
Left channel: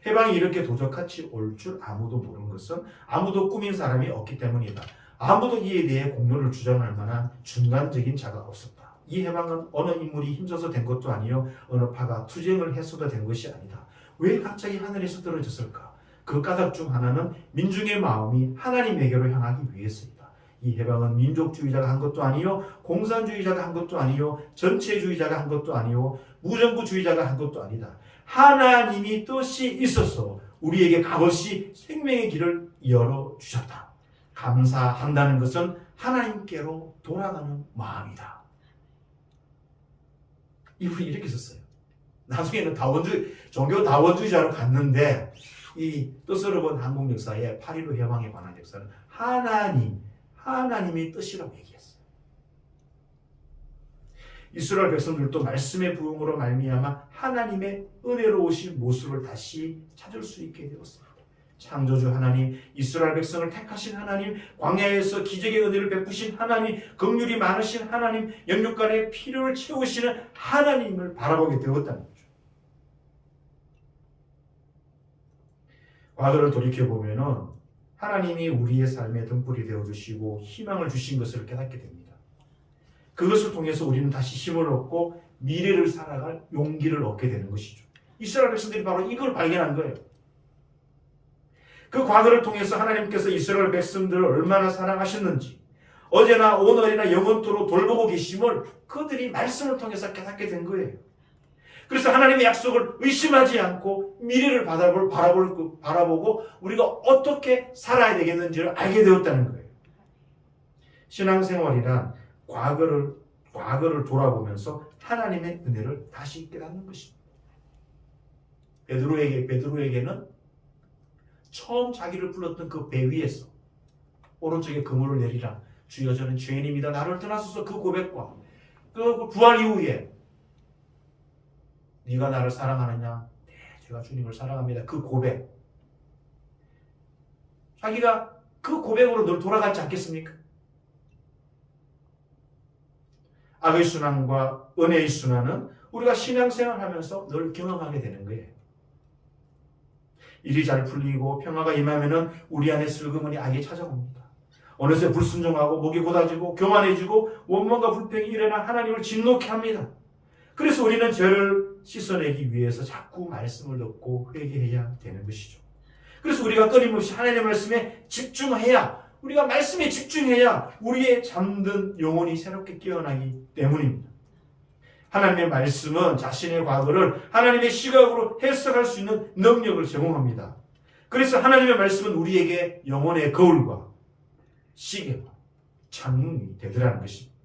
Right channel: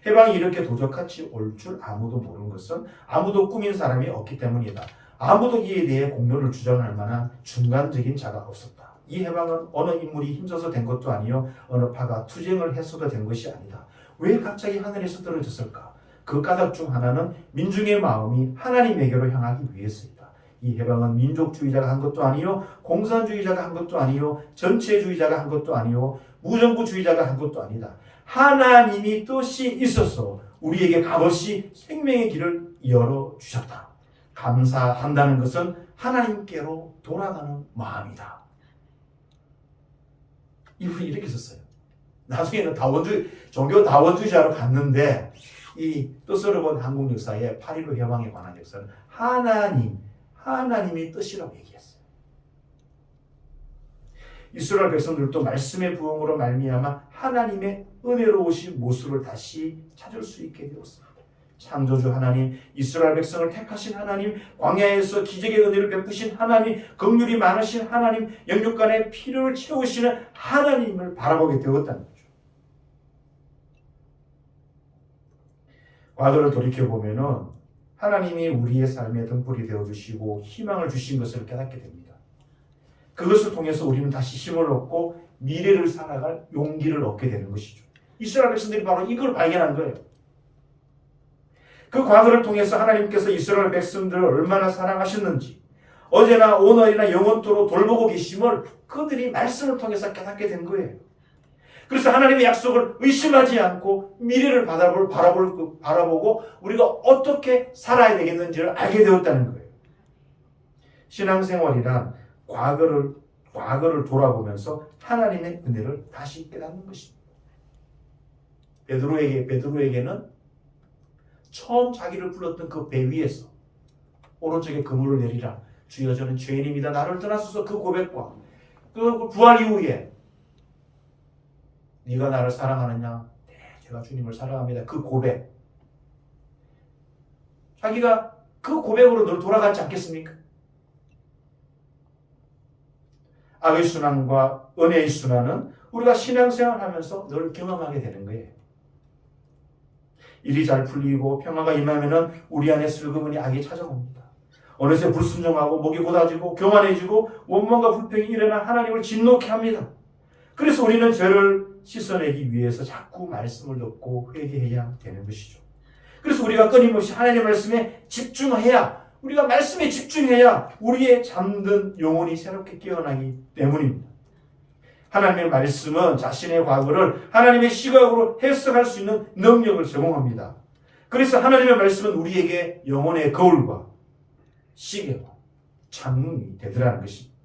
해방이 이렇게 도적같이 올 줄 아무도 모르는 것은 아무도 꾸민 사람이 없기 때문이다. 아무도 이에 대해 공로를 주장할 만한 중간적인 자가 없었다. 이 해방은 어느 인물이 힘써서 된 것도 아니요 어느 파가 투쟁을 해서도 된 것이 아니다. 왜 갑자기 하늘에서 떨어졌을까? 그 까닭 중 하나는 민중의 마음이 하나님에게로 향하기 위해서이다. 이 해방은 민족주의자가 한 것도 아니요 공산주의자가 한 것도 아니요 전체주의자가 한 것도 아니요 무정부주의자가 한 것도 아니다. 하나님이 뜻이 있어서 우리에게 값없이 생명의 길을 열어주셨다. 감사한다는 것은 하나님께로 돌아가는 마음이다. 이분이 이렇게 썼어요. 나중에는 종교 다원주의자로 갔는데 이 뜻으로 본 한국 역사의 8.15 해방에 관한 역사는 하나님의 뜻이라고 얘기했어요. 이스라엘 백성들도 말씀의 부흥으로 말미암아 하나님의 은혜로우신 모습을 다시 찾을 수 있게 되었습니다. 창조주 하나님, 이스라엘 백성을 택하신 하나님, 광야에서 기적의 은혜를 베푸신 하나님, 긍휼이 많으신 하나님, 영육간의 필요를 채우시는 하나님을 바라보게 되었다는 거죠. 과거를 돌이켜보면은 하나님이 우리의 삶의 등불이 되어주시고 희망을 주신 것을 깨닫게 됩니다. 그것을 통해서 우리는 다시 힘을 얻고 미래를 살아갈 용기를 얻게 되는 것이죠. 이스라엘 백성들이 바로 이걸 발견한 거예요. 그 과거를 통해서 하나님께서 이스라엘 백성들을 얼마나 사랑하셨는지, 어제나 오늘이나 영원토록 돌보고 계심을 그들이 말씀을 통해서 깨닫게 된 거예요. 그래서 하나님의 약속을 의심하지 않고 미래를 바라보고 우리가 어떻게 살아야 되겠는지를 알게 되었다는 거예요. 신앙생활이란 과거를 돌아보면서 하나님의 은혜를 다시 깨닫는 것입니다. 베드로에게는 처음 자기를 불렀던 그 배 위에서 오른쪽에 그물을 내리라, 주여 저는 죄인입니다, 나를 떠나소서, 그 고백과 그 부활 이후에 네가 나를 사랑하느냐, 네 제가 주님을 사랑합니다, 그 고백, 자기가 그 고백으로 늘 돌아가지 않겠습니까? 악의 순환과 은혜의 순환은 우리가 신앙생활하면서 늘 경험하게 되는 거예요. 일이 잘 풀리고 평화가 임하면은 우리 안에 슬그머니 악이 찾아옵니다. 어느새 불순종하고 목이 곧아지고 교만해지고 원망과 불평이 일어나 하나님을 진노케 합니다. 그래서 우리는 죄를 씻어내기 위해서 자꾸 말씀을 듣고 회개해야 되는 것이죠. 그래서 우리가 끊임없이 하나님의 말씀에 집중해야, 우리가 말씀에 집중해야 우리의 잠든 영혼이 새롭게 깨어나기 때문입니다. 하나님의 말씀은 자신의 과거를 하나님의 시각으로 해석할 수 있는 능력을 제공합니다. 그래서 하나님의 말씀은 우리에게 영혼의 거울과 시계와 창문이 되더라는 것입니다.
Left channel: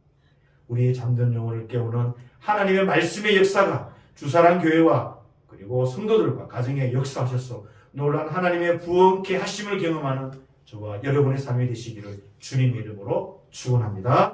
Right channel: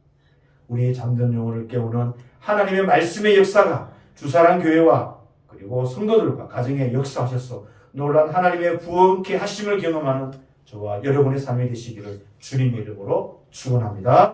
우리의 잠든 영혼을 깨우는 하나님의 말씀의 역사가 주사랑 교회와 그리고 성도들과 가정에 역사하셔서 놀란 하나님의 부흥케 하심을 경험하는 저와 여러분의 삶이 되시기를 주님의 이름으로 축원합니다.